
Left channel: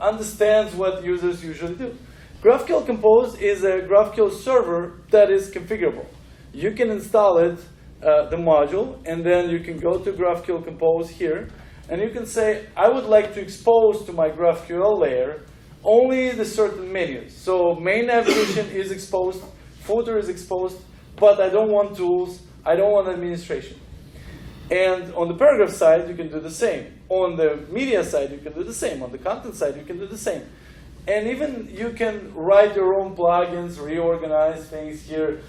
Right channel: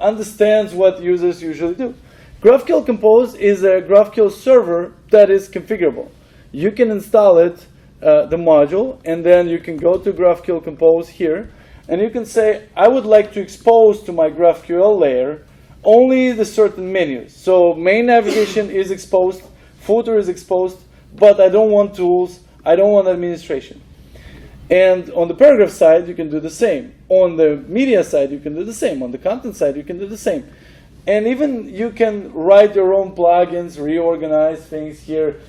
understands what users usually do. GraphQL Compose is a GraphQL server that is configurable. You can install it, the module, and then you can go to GraphQL Compose here, and you can say, I would like to expose to my GraphQL layer only the certain menus. So main navigation is exposed, footer is exposed, but I don't want tools, I don't want administration. And on the paragraph side, you can do the same. On the media side, you can do the same. On the content side, you can do the same. And even you can write your own plugins, reorganize things here.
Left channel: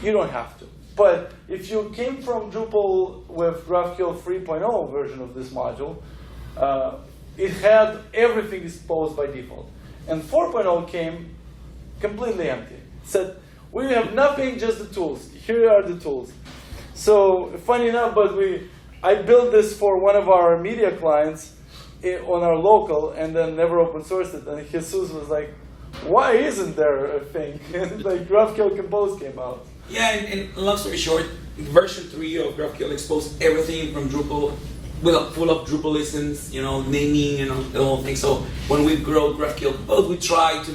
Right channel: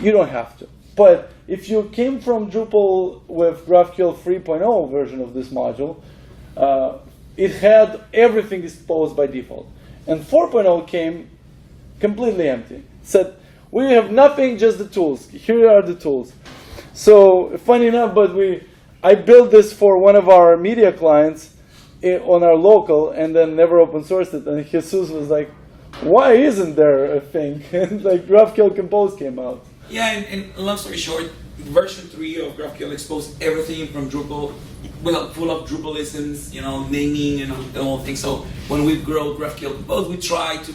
You don't have to. But if you came from Drupal with GraphQL 3.0 version of this module, it had everything exposed by default. And 4.0 came completely empty. It said, we have nothing, just the tools. Here are the tools. So funny enough, but I built this for one of our media clients on our local, and then never open sourced it. And Jesus was like, why isn't there a thing? And like GraphQL Compose came out. Yeah, and long story short, version 3 of GraphQL exposed everything from Drupal, full of Drupalisms, naming and all the whole thing. So when we grow GraphQL Compose, we try to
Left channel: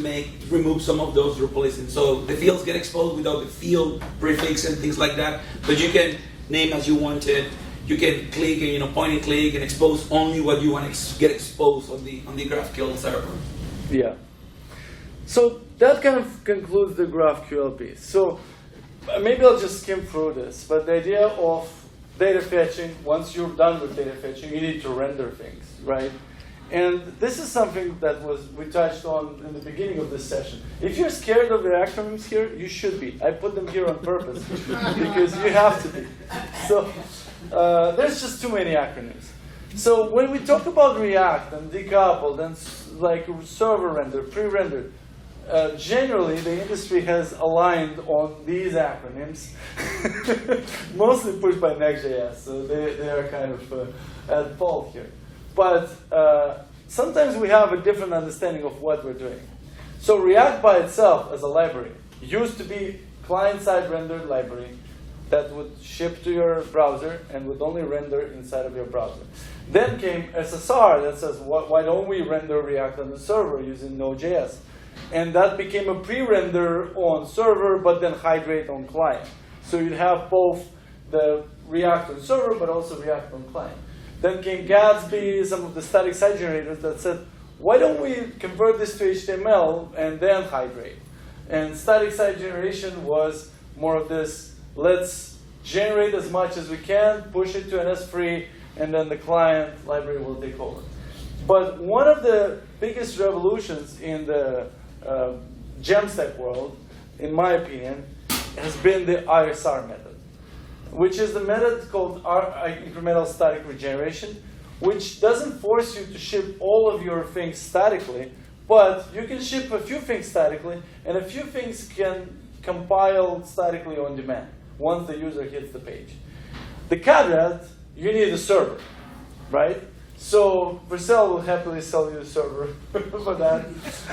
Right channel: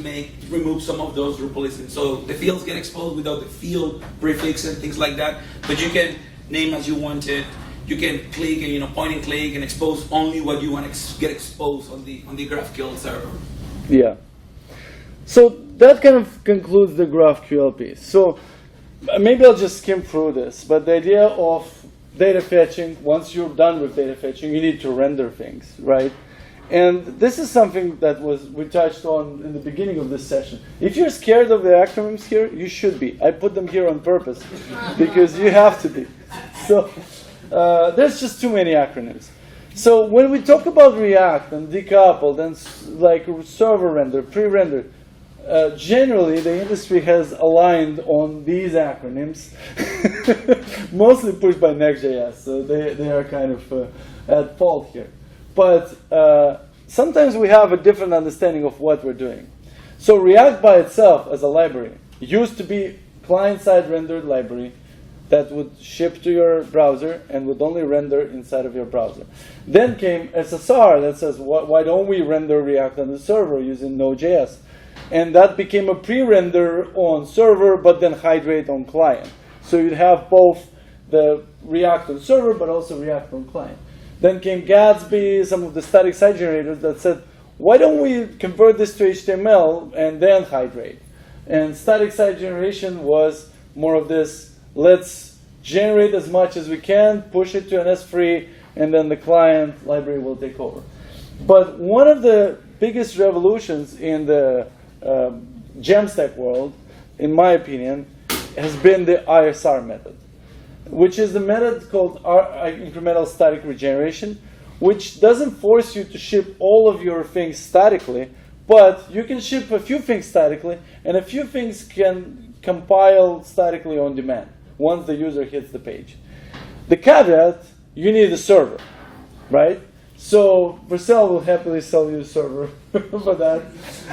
remove some of those Drupalisms. So the fields get exposed without the field prefix and things like that. But you can name as you want it. You can click and point and click and expose only what you want to get exposed on the GraphQL server. Yeah. So that kind of concludes the GraphQL piece. So maybe I'll just skim through this. But the idea of data fetching, once you're done with data fetching, you need to render things, right? And this is something that we touched on in the beginning of this session. If you're scared of the acronyms here, you should be. I put them here on purpose because you have to be. So there's just too many acronyms. So when we talk about React and decoupled and like server render, pre-render, generally the industry has aligned on these acronyms, mostly pushed by Next.js, so they are kind of at fault here. But sometimes we have a different understanding of what we're doing. So React by itself as a library used to be client-side rendered library that would ship to your browser and would only render inside of your browser. Then came SSR that says, why don't we render React on the server using Node.js? And that became a pre-render on server, but then hydrate on client. So you'd have both the React on server, but also React on client. Then came Gatsby, some of the static site generators that said, why don't we convert this to HTML and then hydrate? And static site generation was more of this, let's generate as much as we can, push it to an S3, and then the client library will take over. But one of the biggest revolutions in the Jamstack world, in my opinion, has been the ISR method, which is the method called incremental static regeneration, which doesn't force you to ship all of your things statically, but you can ship a few things statically, and a few things can compile statically on demand once the user hits the page. The caveat, you need a server, right? So Vercel will happily sell you a server for that,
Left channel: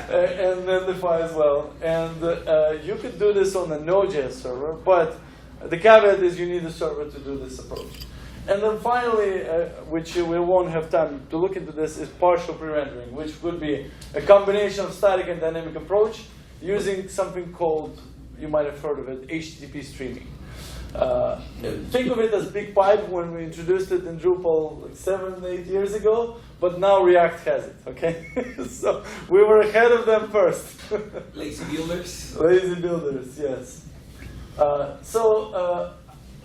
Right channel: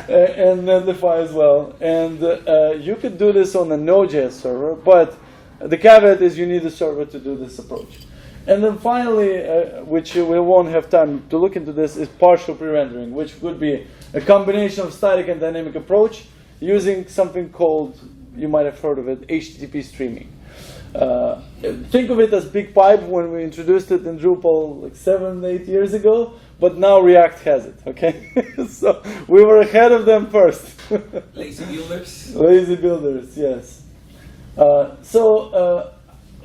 and Netlify as well. And you could do this on a Node.js server, but the caveat is you need a server to do this approach. And then finally, which we won't have time to look into this, is partial pre-rendering, which would be a combination of static and dynamic approach using something called, you might have heard of it, HTTP streaming. Think of it as Big Pipe when we introduced it in Drupal like 7, 8 years ago, but now React has it, okay? So we were ahead of them first. Lazy builders. Lazy builders, yes.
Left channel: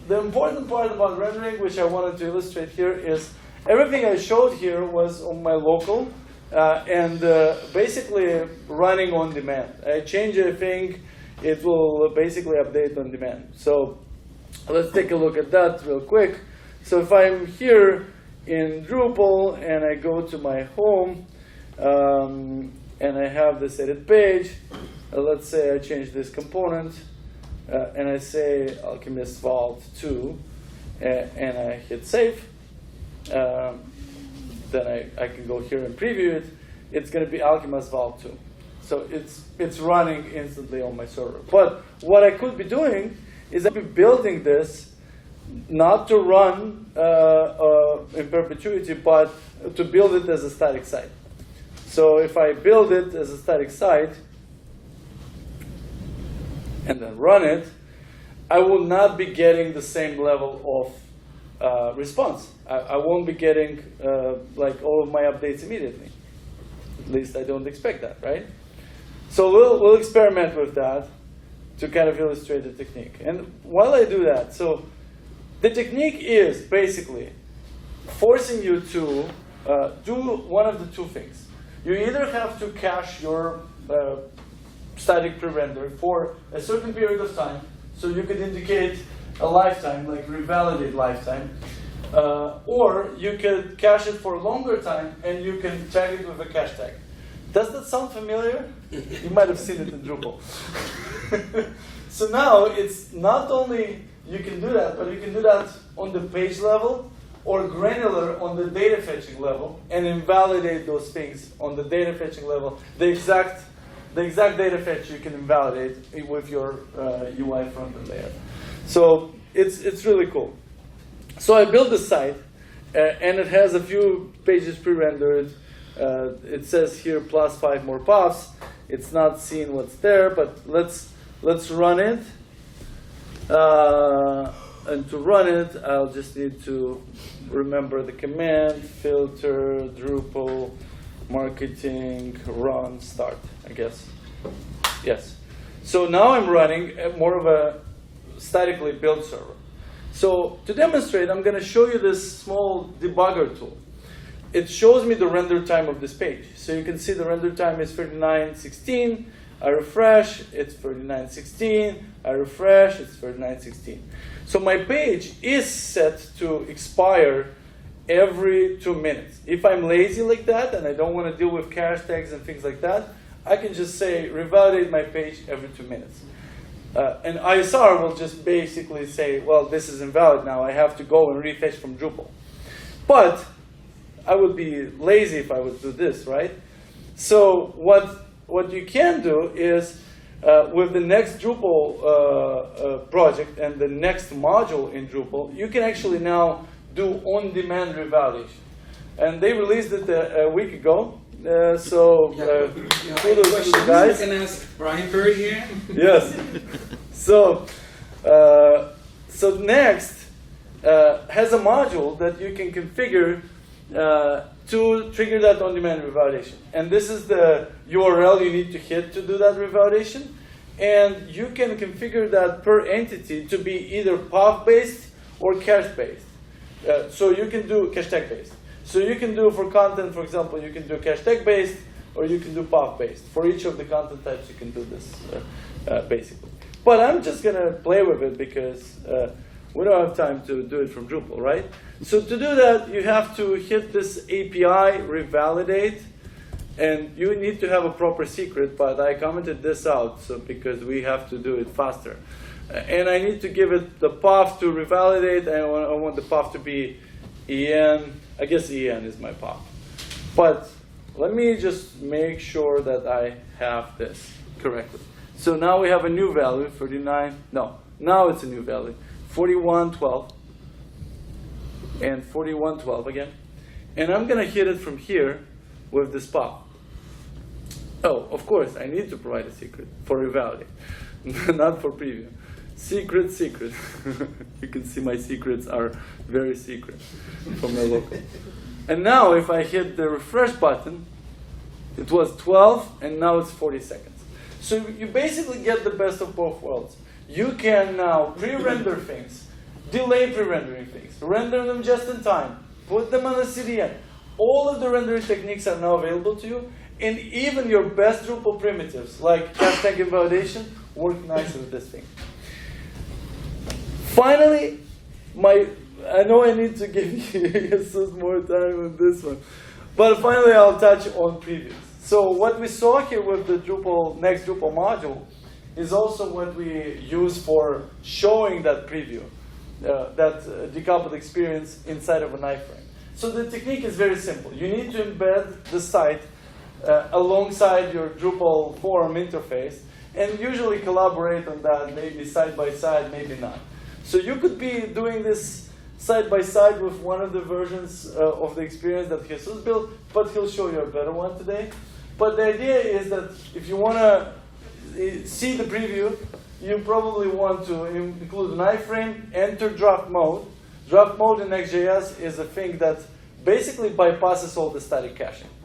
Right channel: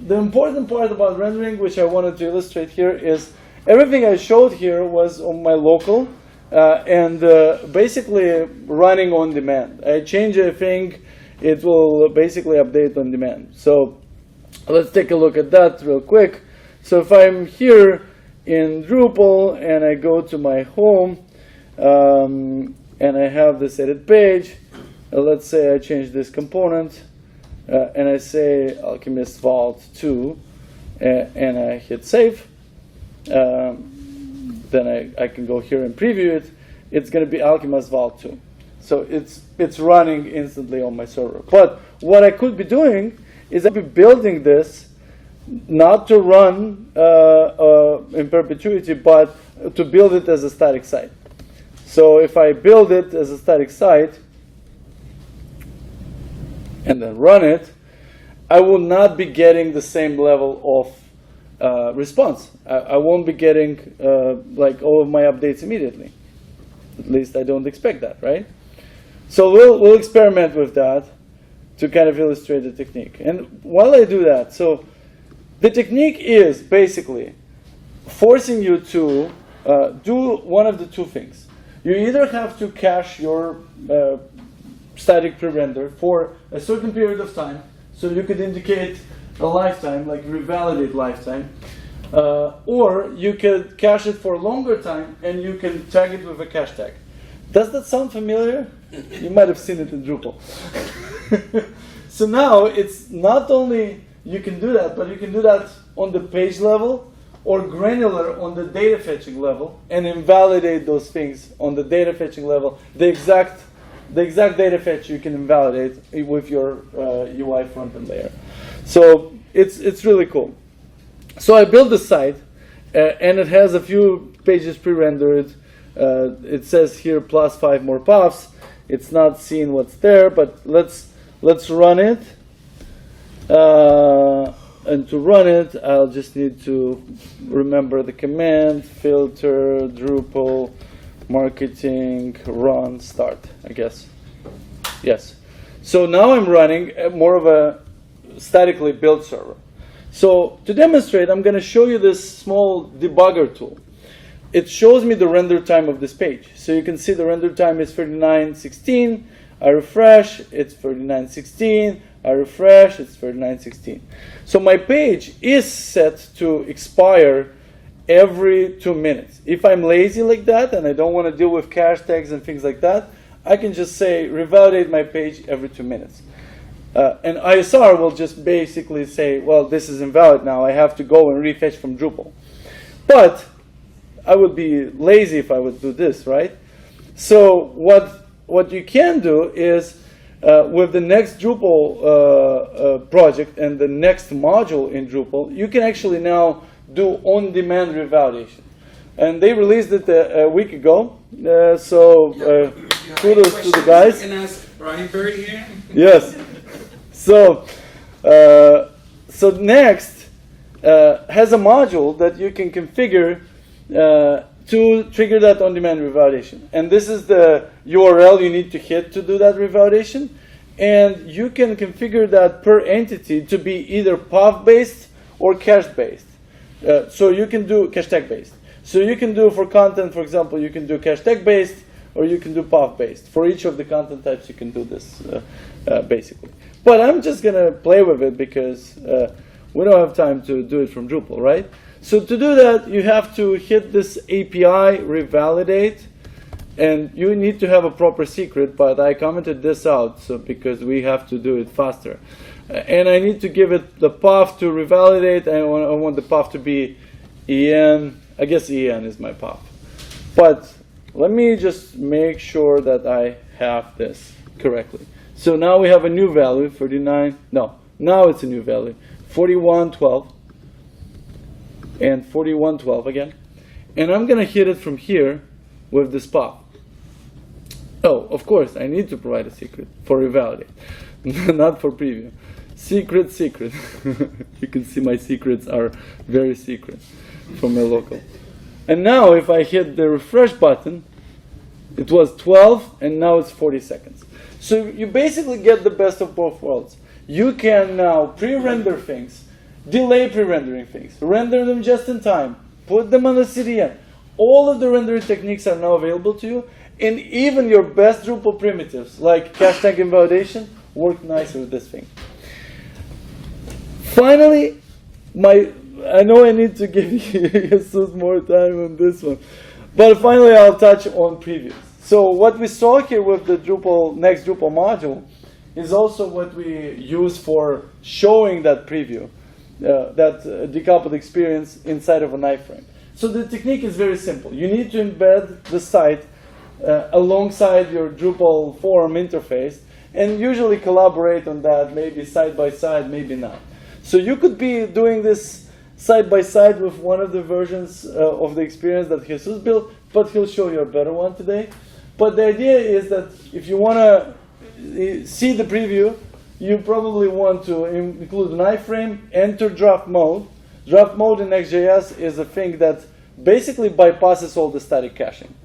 The important part about rendering, which I wanted to illustrate here, is everything I showed here was on my local and basically running on demand. I change a thing, it will basically update on demand. So let's take a look at that real quick. So if I'm here in Drupal and I go to my home and I have this edit page, let's say I change this component. And I say Alchemist Vault 2, and I hit save. Then I can go here and preview it. It's going to be Alchemist Vault 2. So it's running instantly on my server. But what I could be doing is I'd be building this not to run in perpetuity, but to build it as a static site. So if I build it as a static site, and then run it, I will not be getting the same level of response. I won't be getting like all of my updates immediately. At least I don't expect that, right? So we'll experiment with that to kind of illustrate the technique. And while I do that, so the technique is basically forcing you to do one of the two things. You either have to cache your static pre-render for a certain period of time, so you could indicate a lifetime, like revalidate lifetime, or you could cache it for a longer time and you can tag it with a cache tag. Does that sound familiar? You might have seen it in Drupal. So now it's not only you can do that, but you can do that on the page level or granular on the data fetching level and invalidate those things on the data fetching level. The exact data fetch you can invalidate with your UI frontend layer. So it's really cool. So I built the site, and it has a few pages pre-rendered. It says here +5 more puffs. It's not seeing what's there, but let's run it. And to run it, I'll just need to remember the command, filter, Drupal, marketing, run, start, I guess. Yes. So now I'm running more of a statically built server. So to demonstrate, I'm going to show you this small debugger tool. It shows me the render time of this page. So you can see the render time is 39:16. I refresh, it's 39:16. I refresh, it's 39:16. So my page is set to expire every 2 minutes. If I'm lazy like that and I don't want to deal with cache tags and things like that, I can just say revalidate my page every 2 minutes. And ISR will just basically say, well, this is invalid now. I have to go and refetch from Drupal. But I would be lazy if I would do this, right? So what you can do is with the next Drupal project and the next module in Drupal, you can actually now do on-demand revalidation. And they released it a week ago. Kudos to the guys. You can ask Brian Perry here. Yes. So Next has a module that you can configure to trigger that on-demand revalidation. And this is the URL you need to hit to do that revalidation. And you can configure that per entity to be either path-based or cache-based. So you can do cache tag-based. So you can do for content, for example, you can do cache tag-based or you can do path-based. For each of the content types, you can do this basically. But I'm just going to play with it because we don't have time to do it from Drupal, right? So to do that, you have to hit this API revalidate, and you need to have a proper secret, but I commented this out because we have to do it faster. And I need to give it the path to revalidate, and I want the path to be EN. I guess EN is my path. But let me just make sure that I have this correctly. So now we have a new value, 39. No, now it's a new value, 4112. and 4112 again. And I'm going to hit it from here with this pop. Oh, of course, I need to provide a secret for revalidate, not for preview. Secret. You can see my secrets are very secret from my local. And now if I hit the refresh button, it was 12 and now it's 40 seconds. So you basically get the best of both worlds. You can now pre-render things, delay pre-rendering things, render them just in time, put them on the CDN. All of the rendering techniques are now available to you, and even your best Drupal primitives like cache tag invalidation work nicely with this thing. Finally, I know I need to give you Jesus more time on this one, but finally I'll touch on previews. So what we saw here with the next Drupal module is also what we use for showing that preview, that decoupled experience inside of an iframe. So the technique is very simple. You need to embed the site alongside your Drupal forum interface and usually collaborate on that, maybe side by side, maybe not. So you could be doing this side by side with one of the versions of the experience that Jesus built, but he'll show you a better one today. But the idea is that if you want to see the preview, you probably want to include an iframe, enter draft mode. Draft mode in Next.js is a thing that basically bypasses all the static caching.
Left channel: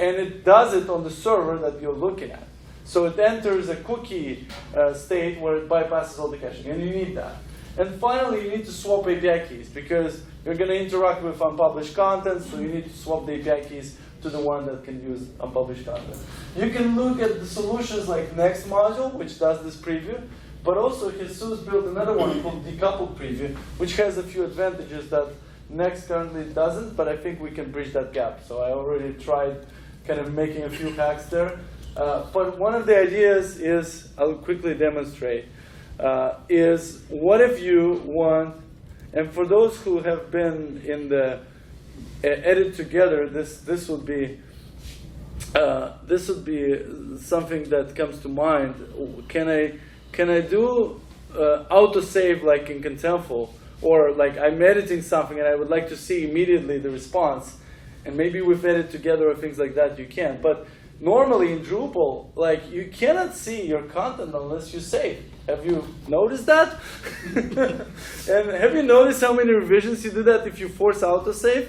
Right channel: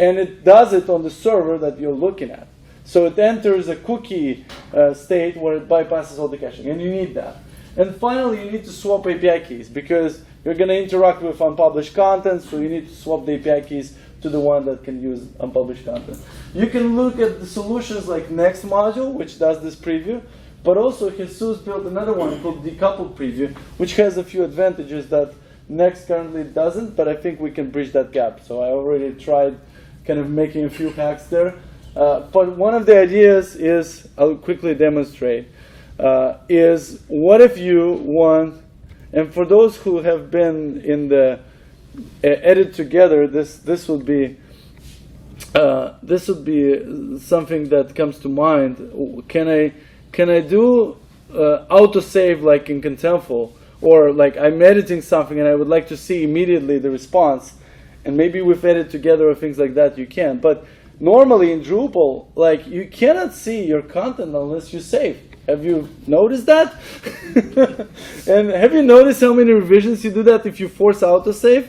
And it does it on the server that you're looking at. So it enters a cookie state where it bypasses all the caching, and you need that. And finally, you need to swap API keys because you're going to interact with unpublished content, so you need to swap the API keys to the one that can use unpublished content. You can look at the solutions like Next module, which does this preview, but also Jesus built another one called decoupled preview, which has a few advantages that Next currently doesn't, but I think we can bridge that gap. So I already tried kind of making a few hacks there. But one of the ideas is, I'll quickly demonstrate, is what if you want, and for those who have been in the edit together, this would be something that comes to mind. Can I do autosave like in Contentful, or like I'm editing something and I would like to see immediately the response, and maybe with edit together or things like that you can. But normally in Drupal, like you cannot see your content unless you save. Have you noticed that? And have you noticed how many revisions you do that if you force autosave?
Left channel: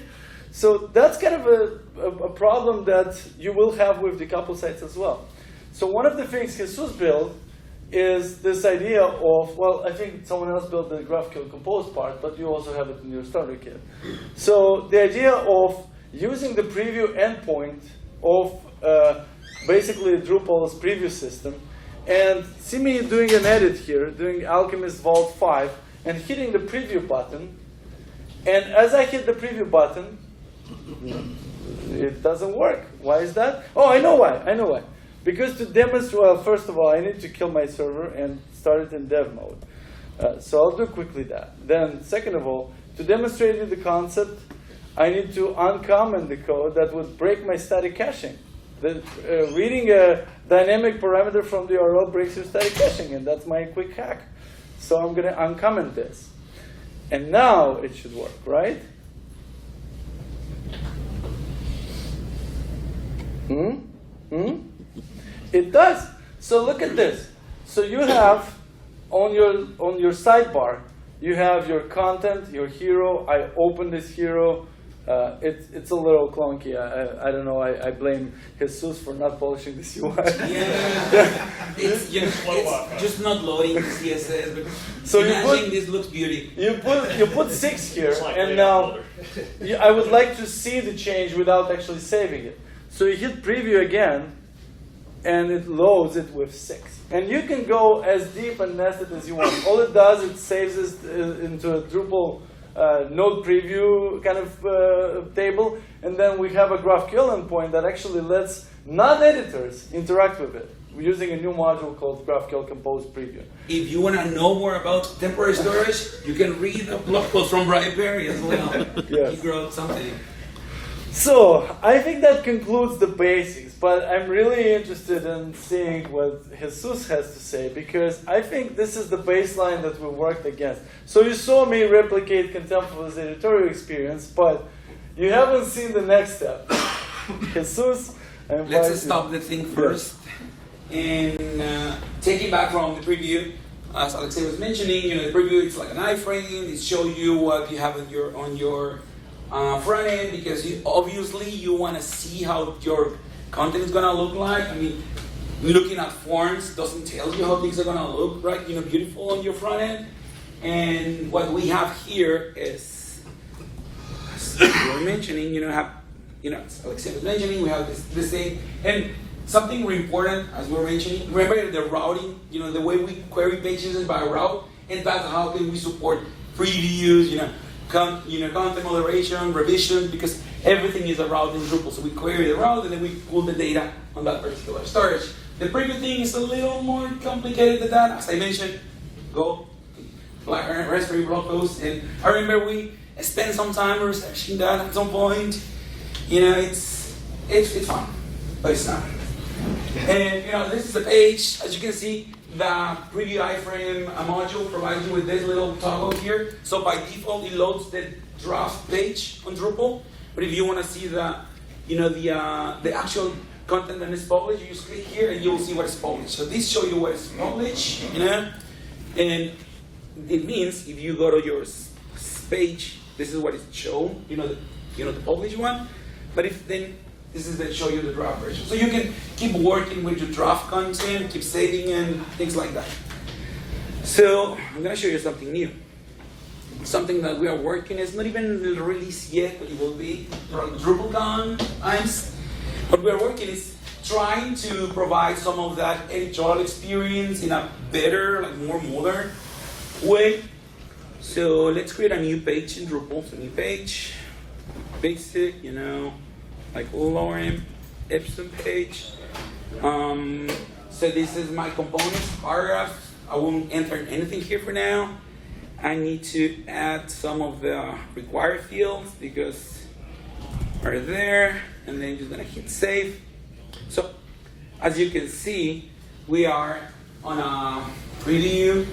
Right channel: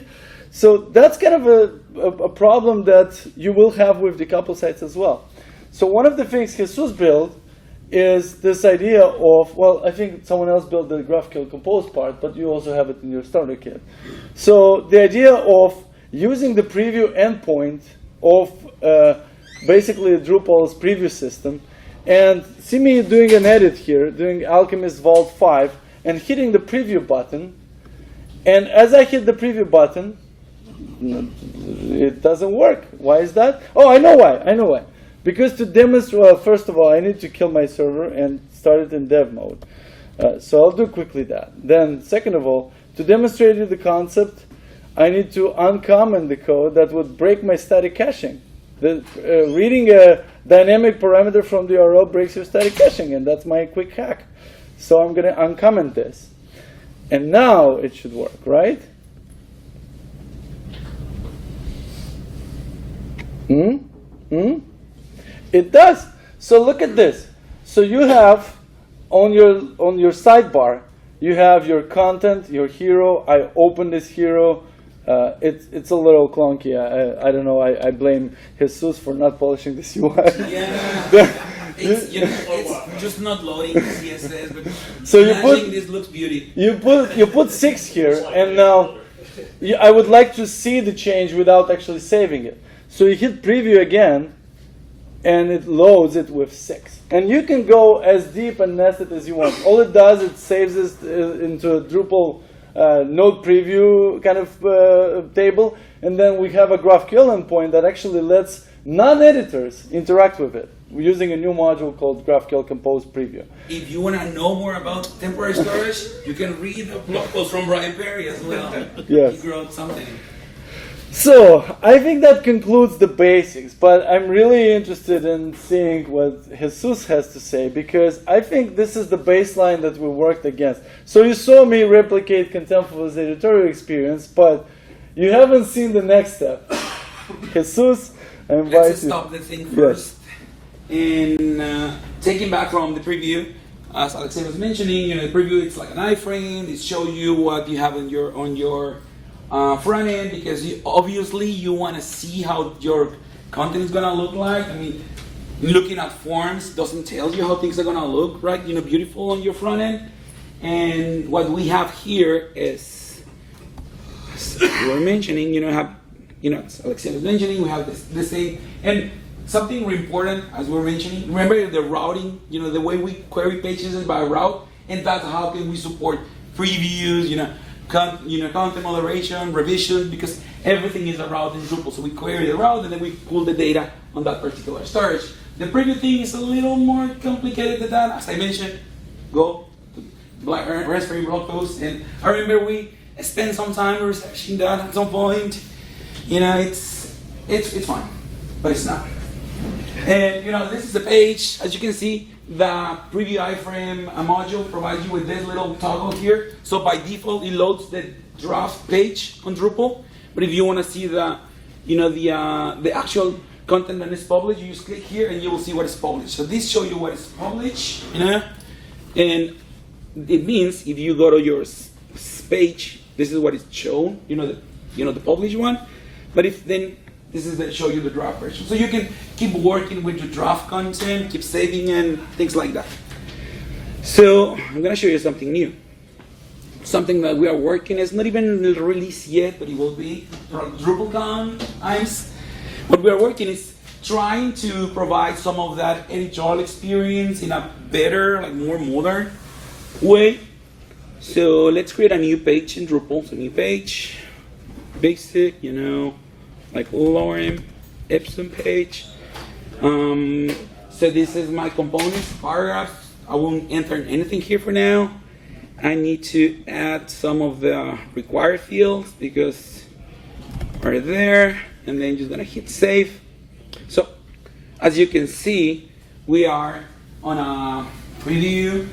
So that's kind of a problem that you will have with decoupled sites as well. So one of the things Jesus built is this idea of, well, I think someone else built the GraphQL Compose part, but you also have it in your starter kit. So the idea of using the preview endpoint of basically Drupal's preview system, and see me doing an edit here, doing Alchemist Vault 5, and hitting the preview button. And as I hit the preview button, it doesn't work. Why is that? Oh, I know why. Because to demonstrate, well, first of all, I need to kill my server and start it in dev mode. So I'll do quickly that. Then, second of all, to demonstrate you the concept, I need to uncomment the code that would break my static caching. Reading a dynamic parameter from the URL breaks your static caching, and that's my quick hack. So I'm going to uncomment this. And now it should work, right? It does. So look at this. So you have on your sidebar, you have your content, your hero. I open this hero. It's a little clunky. I don't know. I blame Jesus for not polishing this UI. Yeah. It's just not loading CSS. But so you this looks beautiful. You put 6 here, and now I would like to see the change without actually saving it. So you hit preview again, and it loads it with 6. And you can go as deep and nested as you want. All it does, it saves it into a Drupal node preview kind of table, and then we have a GraphQL endpoint that actually lets non-editors interact with it using a new module called GraphQL Compose Preview. If you want to know more about temporary storage, you can read a blog post from Brian Perry as well. Yes. He wrote something. So, I think that concludes the basics, but I'm really interested in seeing what Jesus has to say, because I think this is the baseline that we worked against. So you saw me replicate Contemptible's editorial experience, but you haven't seen the next step. Jesus, I invite you. Let's stop the thing first. And taking back from the preview, as Alexei was mentioning, the preview, it's like an iframe. It shows you what you have on your front end, because obviously you want to see how your content is going to look like. I mean, looking at forms doesn't tell you how things are going to look, right? Beautiful on your front end. And what we have here is, as we were mentioning, as Alexei was mentioning, we have this thing. And something really important, as we were mentioning, remember the routing, the way we query pages is by route, and that's how can we support previews, content moderation, revision, because everything is a route in Drupal. So we query the route and then we pull the data on that particular storage. The preview thing is a little more complicated than that. As I mentioned, go to Raspberry blog post, and I remember we spent some time researching that at some point. It's fun, but it's not. And this is the page. As you can see, the preview iframe module provides you with this little toggle here. So by default, it loads the draft page on Drupal. But if you want to see the actual content that is published, you just click here and you will see what is published. So this shows you what is published, and it means if you go to your page, this is what is shown. The published one. But if then this is that show you the draft version. So you can keep working with your draft content, keep saving and things like that. So I'm going to show you something new. Something that we are working, it's not even released yet, but it will be from DrupalCon times. What we are working is trying to provide some of that editorial experience in a better, more modern way. So let's create a new page in Drupal. So new page, basic, like lorem ipsum page. So this is my components, paragraphs. I won't enter anything here for now. I need to add some of the required fields because are there, and then just gonna hit save. So as you can see, we are on a preview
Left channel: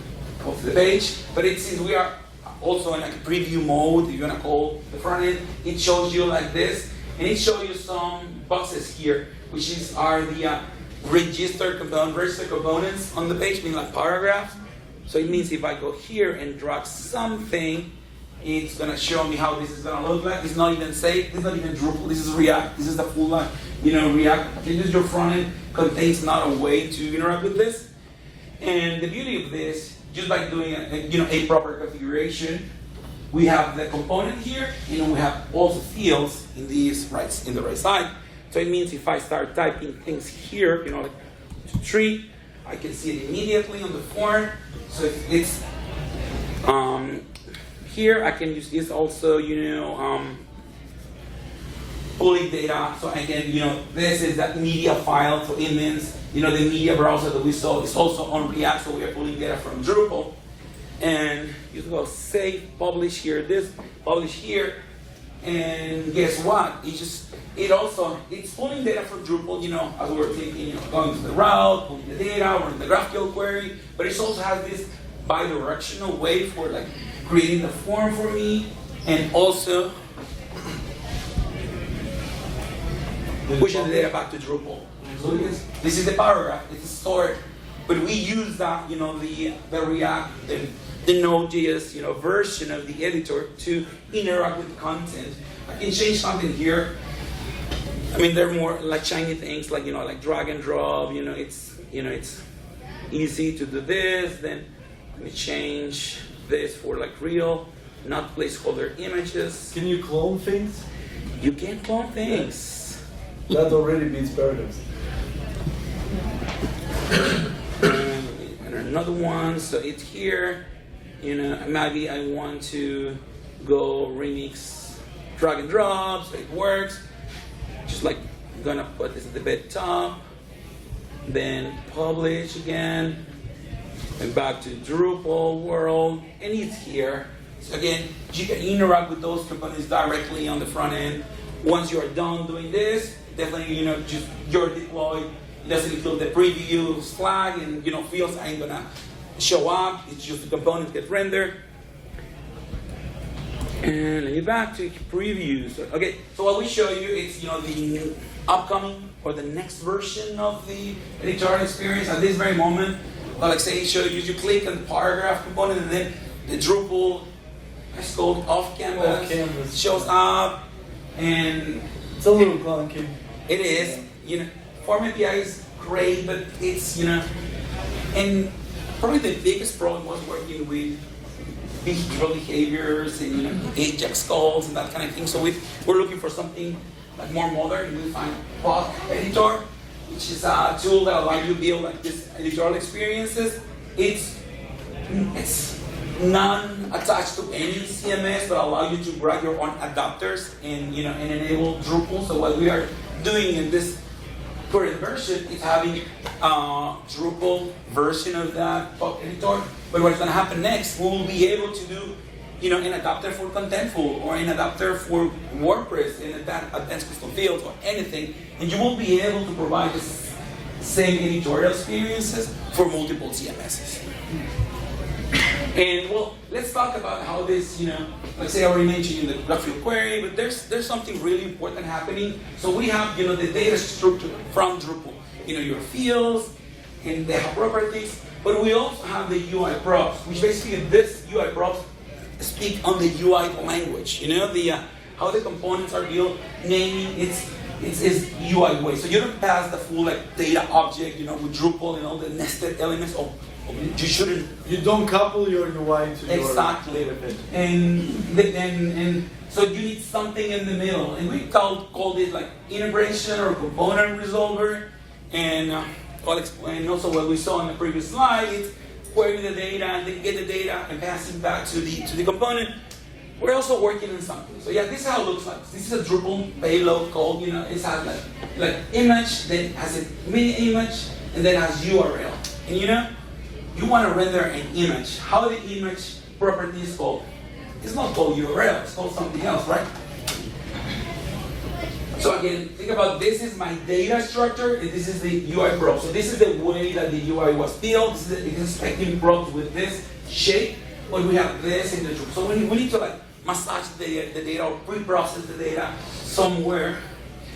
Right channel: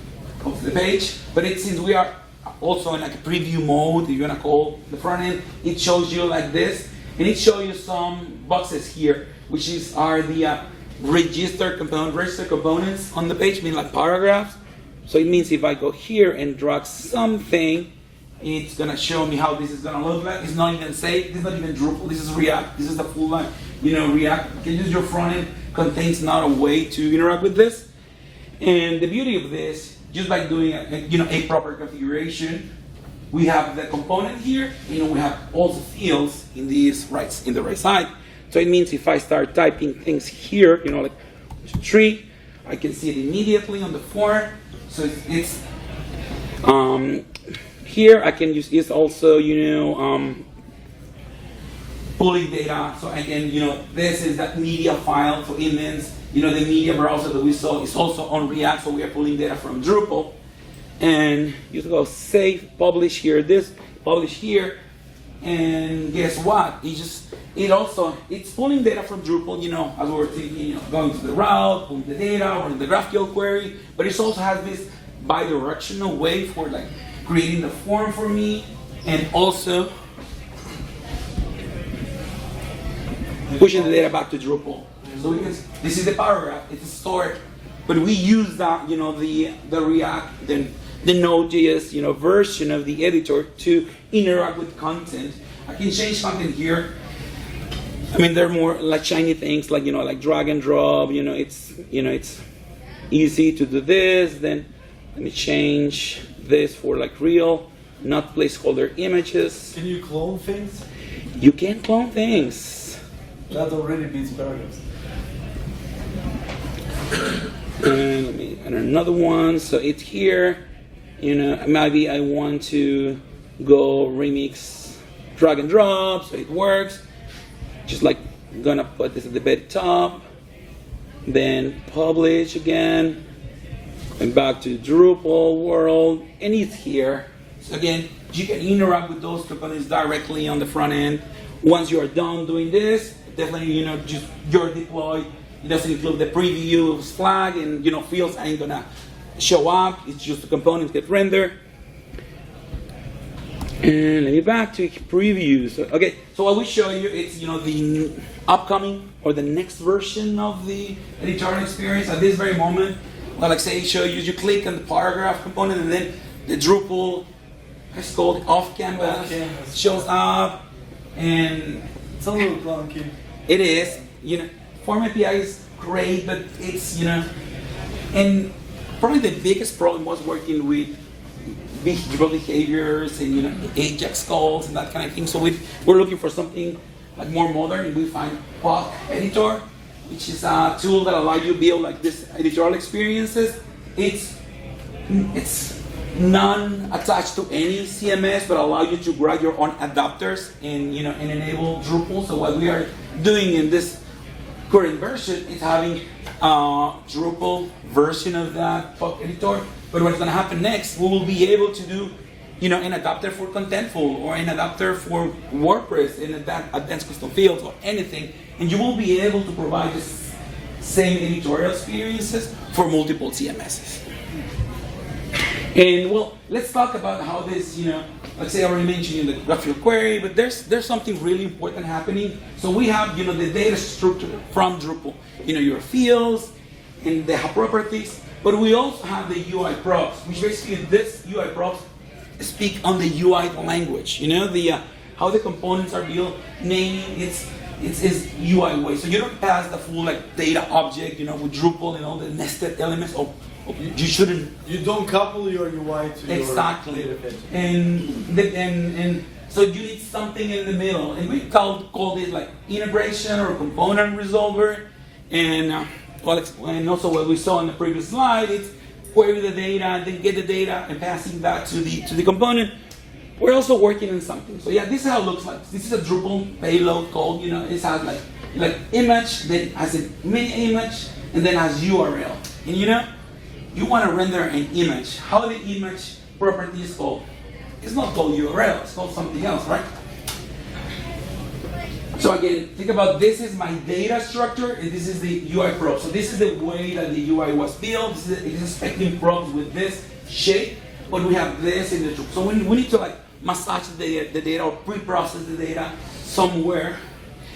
of the page, but since we are also in a preview mode, if you wanna call the front end, it shows you like this. And it shows you some boxes here, which are the registered components on the page, mean like paragraphs. So it means if I go here and drag something, it's gonna show me how this is gonna look like. It's not even saved. This is not even Drupal. This is React. This is the full line. React. You can use your front end. Contains not a way to interact with this. And the beauty of this, just by doing a proper configuration. We have the component here, we have also fields in the right side. So it means if I start typing things here, like 2, 3, I can see it immediately on the form. So it's here I can use this also, pulling data. So again, this is that media file. So it means, the media browser that we saw is also on React. So we are pulling data from Drupal. And you go save, publish here, publish here, and guess what? It's pulling data from Drupal, as we were thinking, going to the route, pulling the data, running the GraphQL query, but it also has this bi-directional way for creating the form for me, and also pushing the data back to Drupal. So this is the paragraph, it's stored, but we use that, the React, the Node.js, version of the editor to interact with content. I can change something here. I mean, they're more like shiny things, like drag and drop. It's easy to do this. Then let me change this for real, not placeholder images. Can you clone things? You can clone things. That already beats paragraphs. And let me add another one. So it's here. Maybe I want to go remix drag and drop, so it works. Just gonna put this at the very top, then publish again, and back to Drupal world, and it's here. So again, you can interact with those components directly on the front end, once you're done doing this, definitely, just your deploy. It doesn't include the previews flag, and fields ain't gonna show up. It's just the components get rendered. And let me back to previews. Okay, so what we show you is the upcoming or the next version of the editorial experience at this very moment. Well, like say, show you click on the paragraph component, and then the Drupal, it's called off canvas, shows up, and It's a little clunky. it is, form API is great, but it's, and probably the biggest problem was working with behavioral behaviors and, Ajax calls and that kind of thing. So we're looking for something like more modern, and we find Pop Editor, which is a tool that allows you to build like this editorial experiences. It's non-attached to any CMS, but allow you to write your own adapters and and enable Drupal. So what we are doing in this current version is having a Drupal version of that Pop Editor. But what's going to happen next, we will be able to do an adapter for Contentful or an adapter for WordPress in advanced custom fields or anything, and you will be able to provide the same editorial experiences for multiple CMSs. And well, let's talk about how this, let's say I already mentioned the GraphQL query, but there's something really important happening. So we have, the data structure from Drupal, your fields, and they have properties, but we also have the UI props, which basically this UI props speak on the UI language, how the components are built, naming it's UI way. So you don't pass the full data object, with Drupal and all the nested elements. You shouldn't. You don't couple your UI to exactly. your data. And so you need something in the middle, and we call this integration or component resolver. And I'll explain also what we saw in the previous slide. It's query the data, and then get the data and pass it back to the component. We're also working on something. So yeah, this is how it looks like. This is a Drupal payload called, it has like image, then has a mini image, and then has URL. And you want to render an image. How the image property is called? It's not called URL, it's called something else, right? So again, think about this is my data structure, and this is the UI prop. So this is the way that the UI was built. This is the expecting props with this shape, but we have this in the Drupal. So we need to massage the data or pre-process the data somewhere.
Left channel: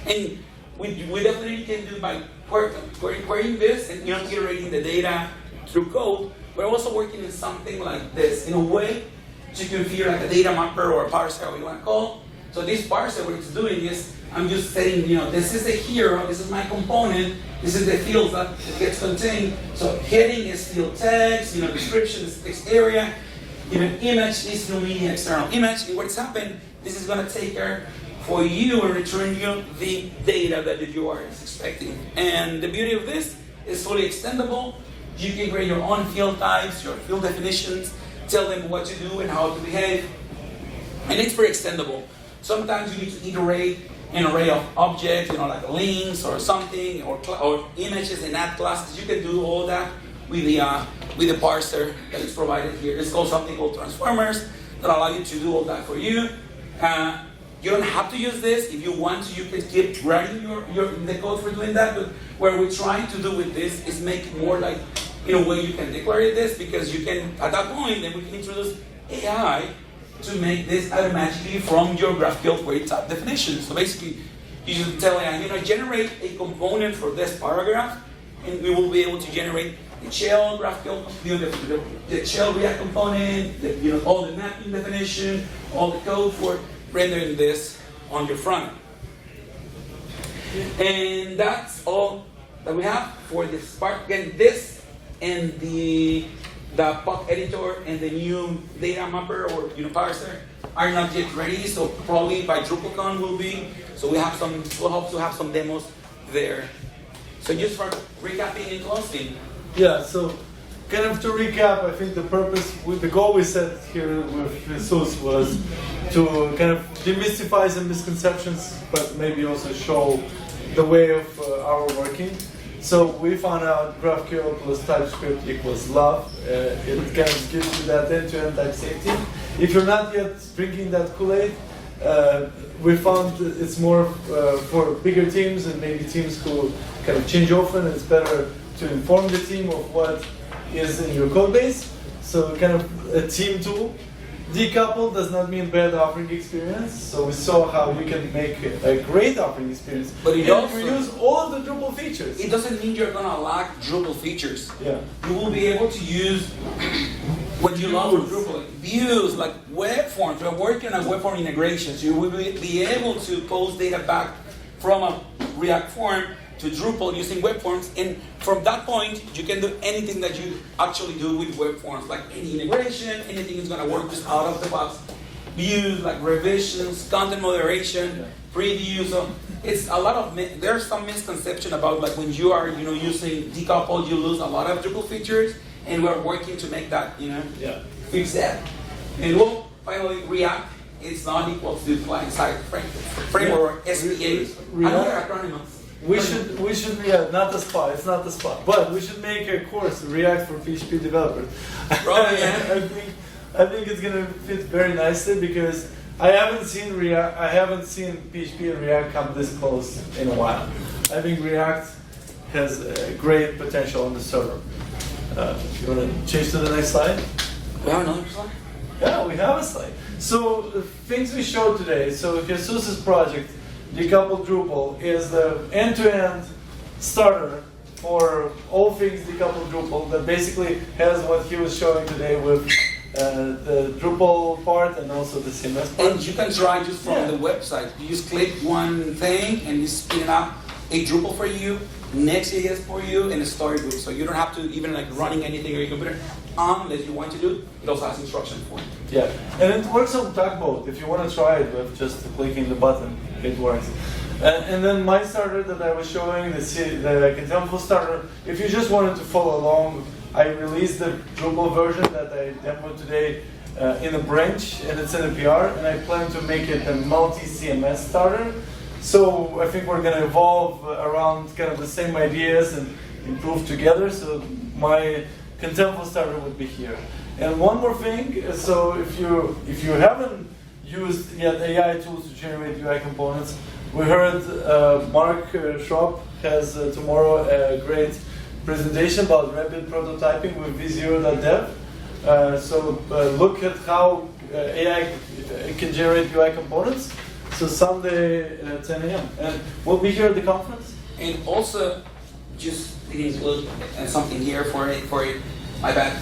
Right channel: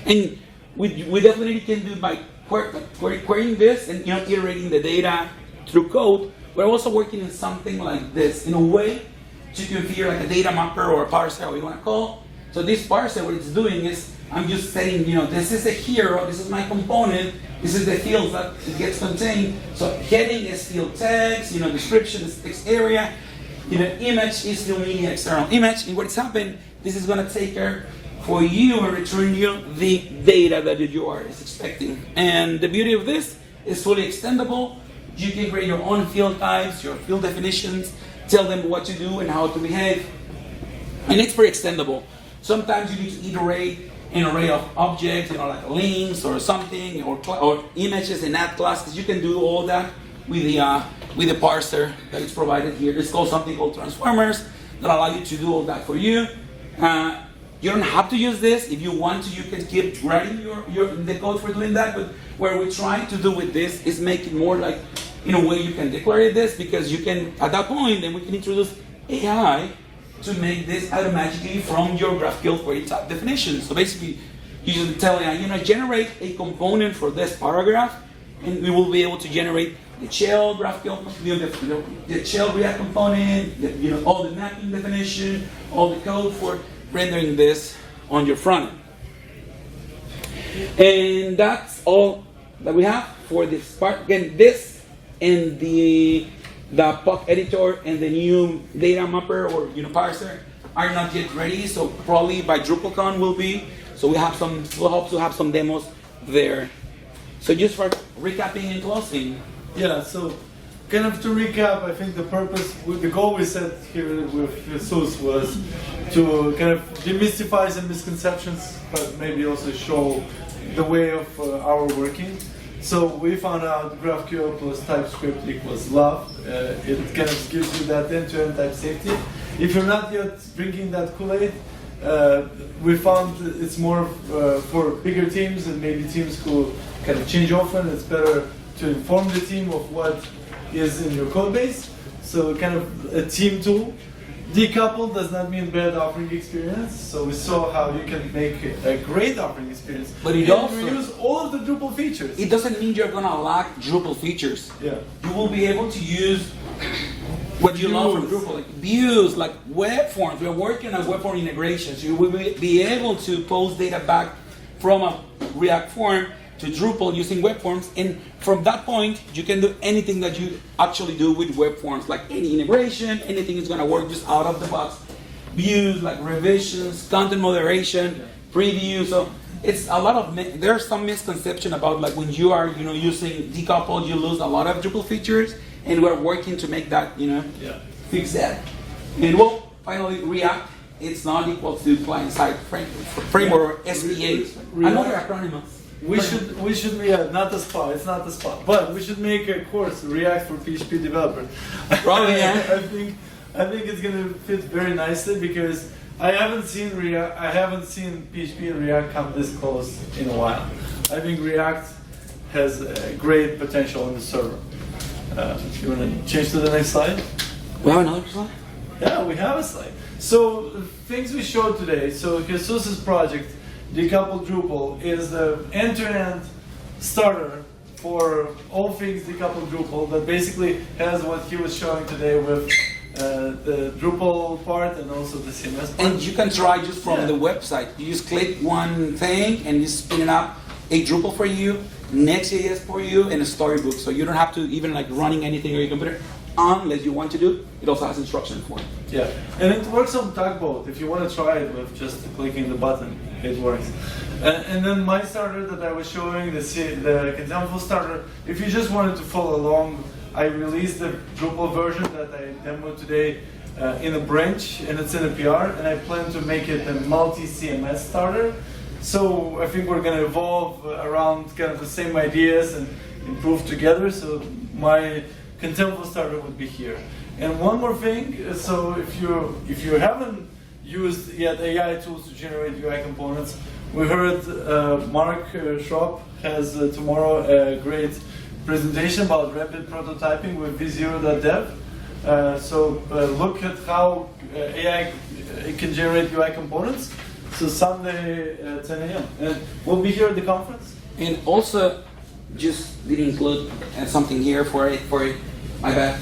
And we definitely can do by querying this and iterating the data through code. We're also working in something like this, in a way to configure a data mapper or a parser, what you want to call. So this parser, what it's doing is, I'm just saying, this is a hero, this is my component, this is the fields that it gets contained. So heading is field text, description is text area, image is the media external image. And what's happened, this is going to take care for you and return you the data that the URL is expecting. And the beauty of this is fully extendable. You can create your own field types, your field definitions, tell them what to do and how to behave. And it's very extendable. Sometimes you need to iterate an array of objects, like links or something, or images and add classes. You can do all that with the parser that is provided here. It's called something called transformers that allow you to do all that for you. You don't have to use this. If you want to, you can keep writing the code for doing that. But what we try to do with this is make it more like, in a way you can declare this, because you can, at that point, then we can introduce AI to make this automatically from your GraphQL query type definition. So basically, you just tell AI, generate a component for this paragraph, and we will be able to generate the shell GraphQL, the shell React component, all the mapping definition, all the code for rendering this on your front end. And that's all that we have for this part. Again, this and the POC editor and the new data mapper or parser are not yet ready, so probably by DrupalCon will be. So we'll hope to have some demos there. So just for recapping and closing. Yeah, so kind of to recap, I think the goal we set here with Jesus was to kind of demystify some misconceptions, but maybe also show the way of our working. So we found out GraphQL plus TypeScript equals love. It kind of gives you that end-to-end type safety. If you're not yet drinking that Kool-Aid, we found it's more for bigger teams and maybe teams who kind of change often. It's better to inform the team of what is in your code base. So kind of a team tool. Decoupled does not mean bad operating experience. So we saw how you can make a great operating experience. But it and also use all of the Drupal features. it doesn't mean you're gonna lack Drupal features. Yeah. You will be able to use what you love from Drupal, like views, like web forms. We're working on web form integrations. You will be able to post data back from a React form to Drupal using web forms, and from that point, you can do anything that you actually do with web forms, like any integration, anything is gonna work just out of the box. Views, like revisions, content moderation, preview. So it's a lot of, there's some misconception about like when you are, using decoupled, you lose a lot of Drupal features, and we're working to make that, fix that. And well, finally, React, it's not equal to client-side framework, or SPA. Another acronym. We should not the spot. It's not the spot. But we should make a course React for PHP developers. Probably, yeah. I think it's gonna fit very nicely because I haven't seen PHP and React come this close in a while. I think React has a great potential on the server. If you want to change to the next slide. We have another slide? Yeah, we have a slide. So the things we showed today. So Jesus' project, Decoupled Drupal, is the end-to-end starter for all things decoupled Drupal that basically has what he was showing today with the Drupal part and also the CMS part. And you can try just from the website. You just click one thing and you spin it up a Drupal for you, Next.js for you, and a storybook. So you don't have to even like running anything on your computer unless you want to do. It also has instruction for it. Yeah, and it works on Tugboat. If you want to try it with just clicking the button, it works. And then my starter that I was showing, the contemptible starter, if you just wanted to follow along, I released the Drupal version that I demoed today in a branch, and it's in a PR, and I plan to make it a multi-CMS starter. So I think we're going to evolve around kind of the same ideas and improve together. So my contemptible starter would be here. And one more thing, so if you haven't used yet AI tools to generate UI components, we heard Mark Schropp has tomorrow a great presentation about rapid prototyping with v0.dev. So look at how AI can generate UI components. So Sunday 10 a.m. And we'll be here at the conference. And also, just didn't include something here for it. My bad.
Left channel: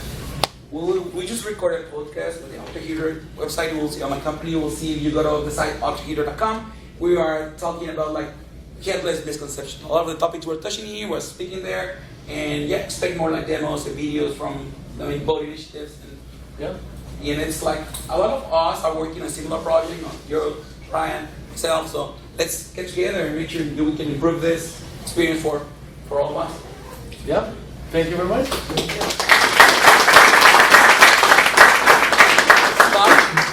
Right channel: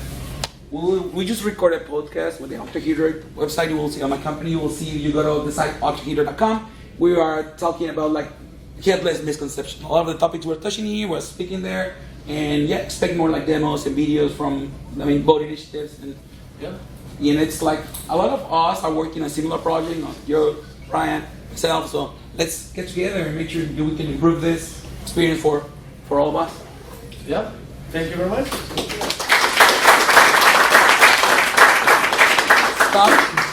We just recorded a podcast with the ObjectHeater website. You will see on my company. You will see if you go to the site objectheater.com. We are talking about like headless misconception. A lot of the topics we're touching here, we're speaking there, and yeah, expect more like demos and videos from both initiatives. And it's like a lot of us are working on a similar project. You're Ryan, myself. So let's get together and make sure we can improve this experience for all of us. Yeah. Thank you very much. Stop.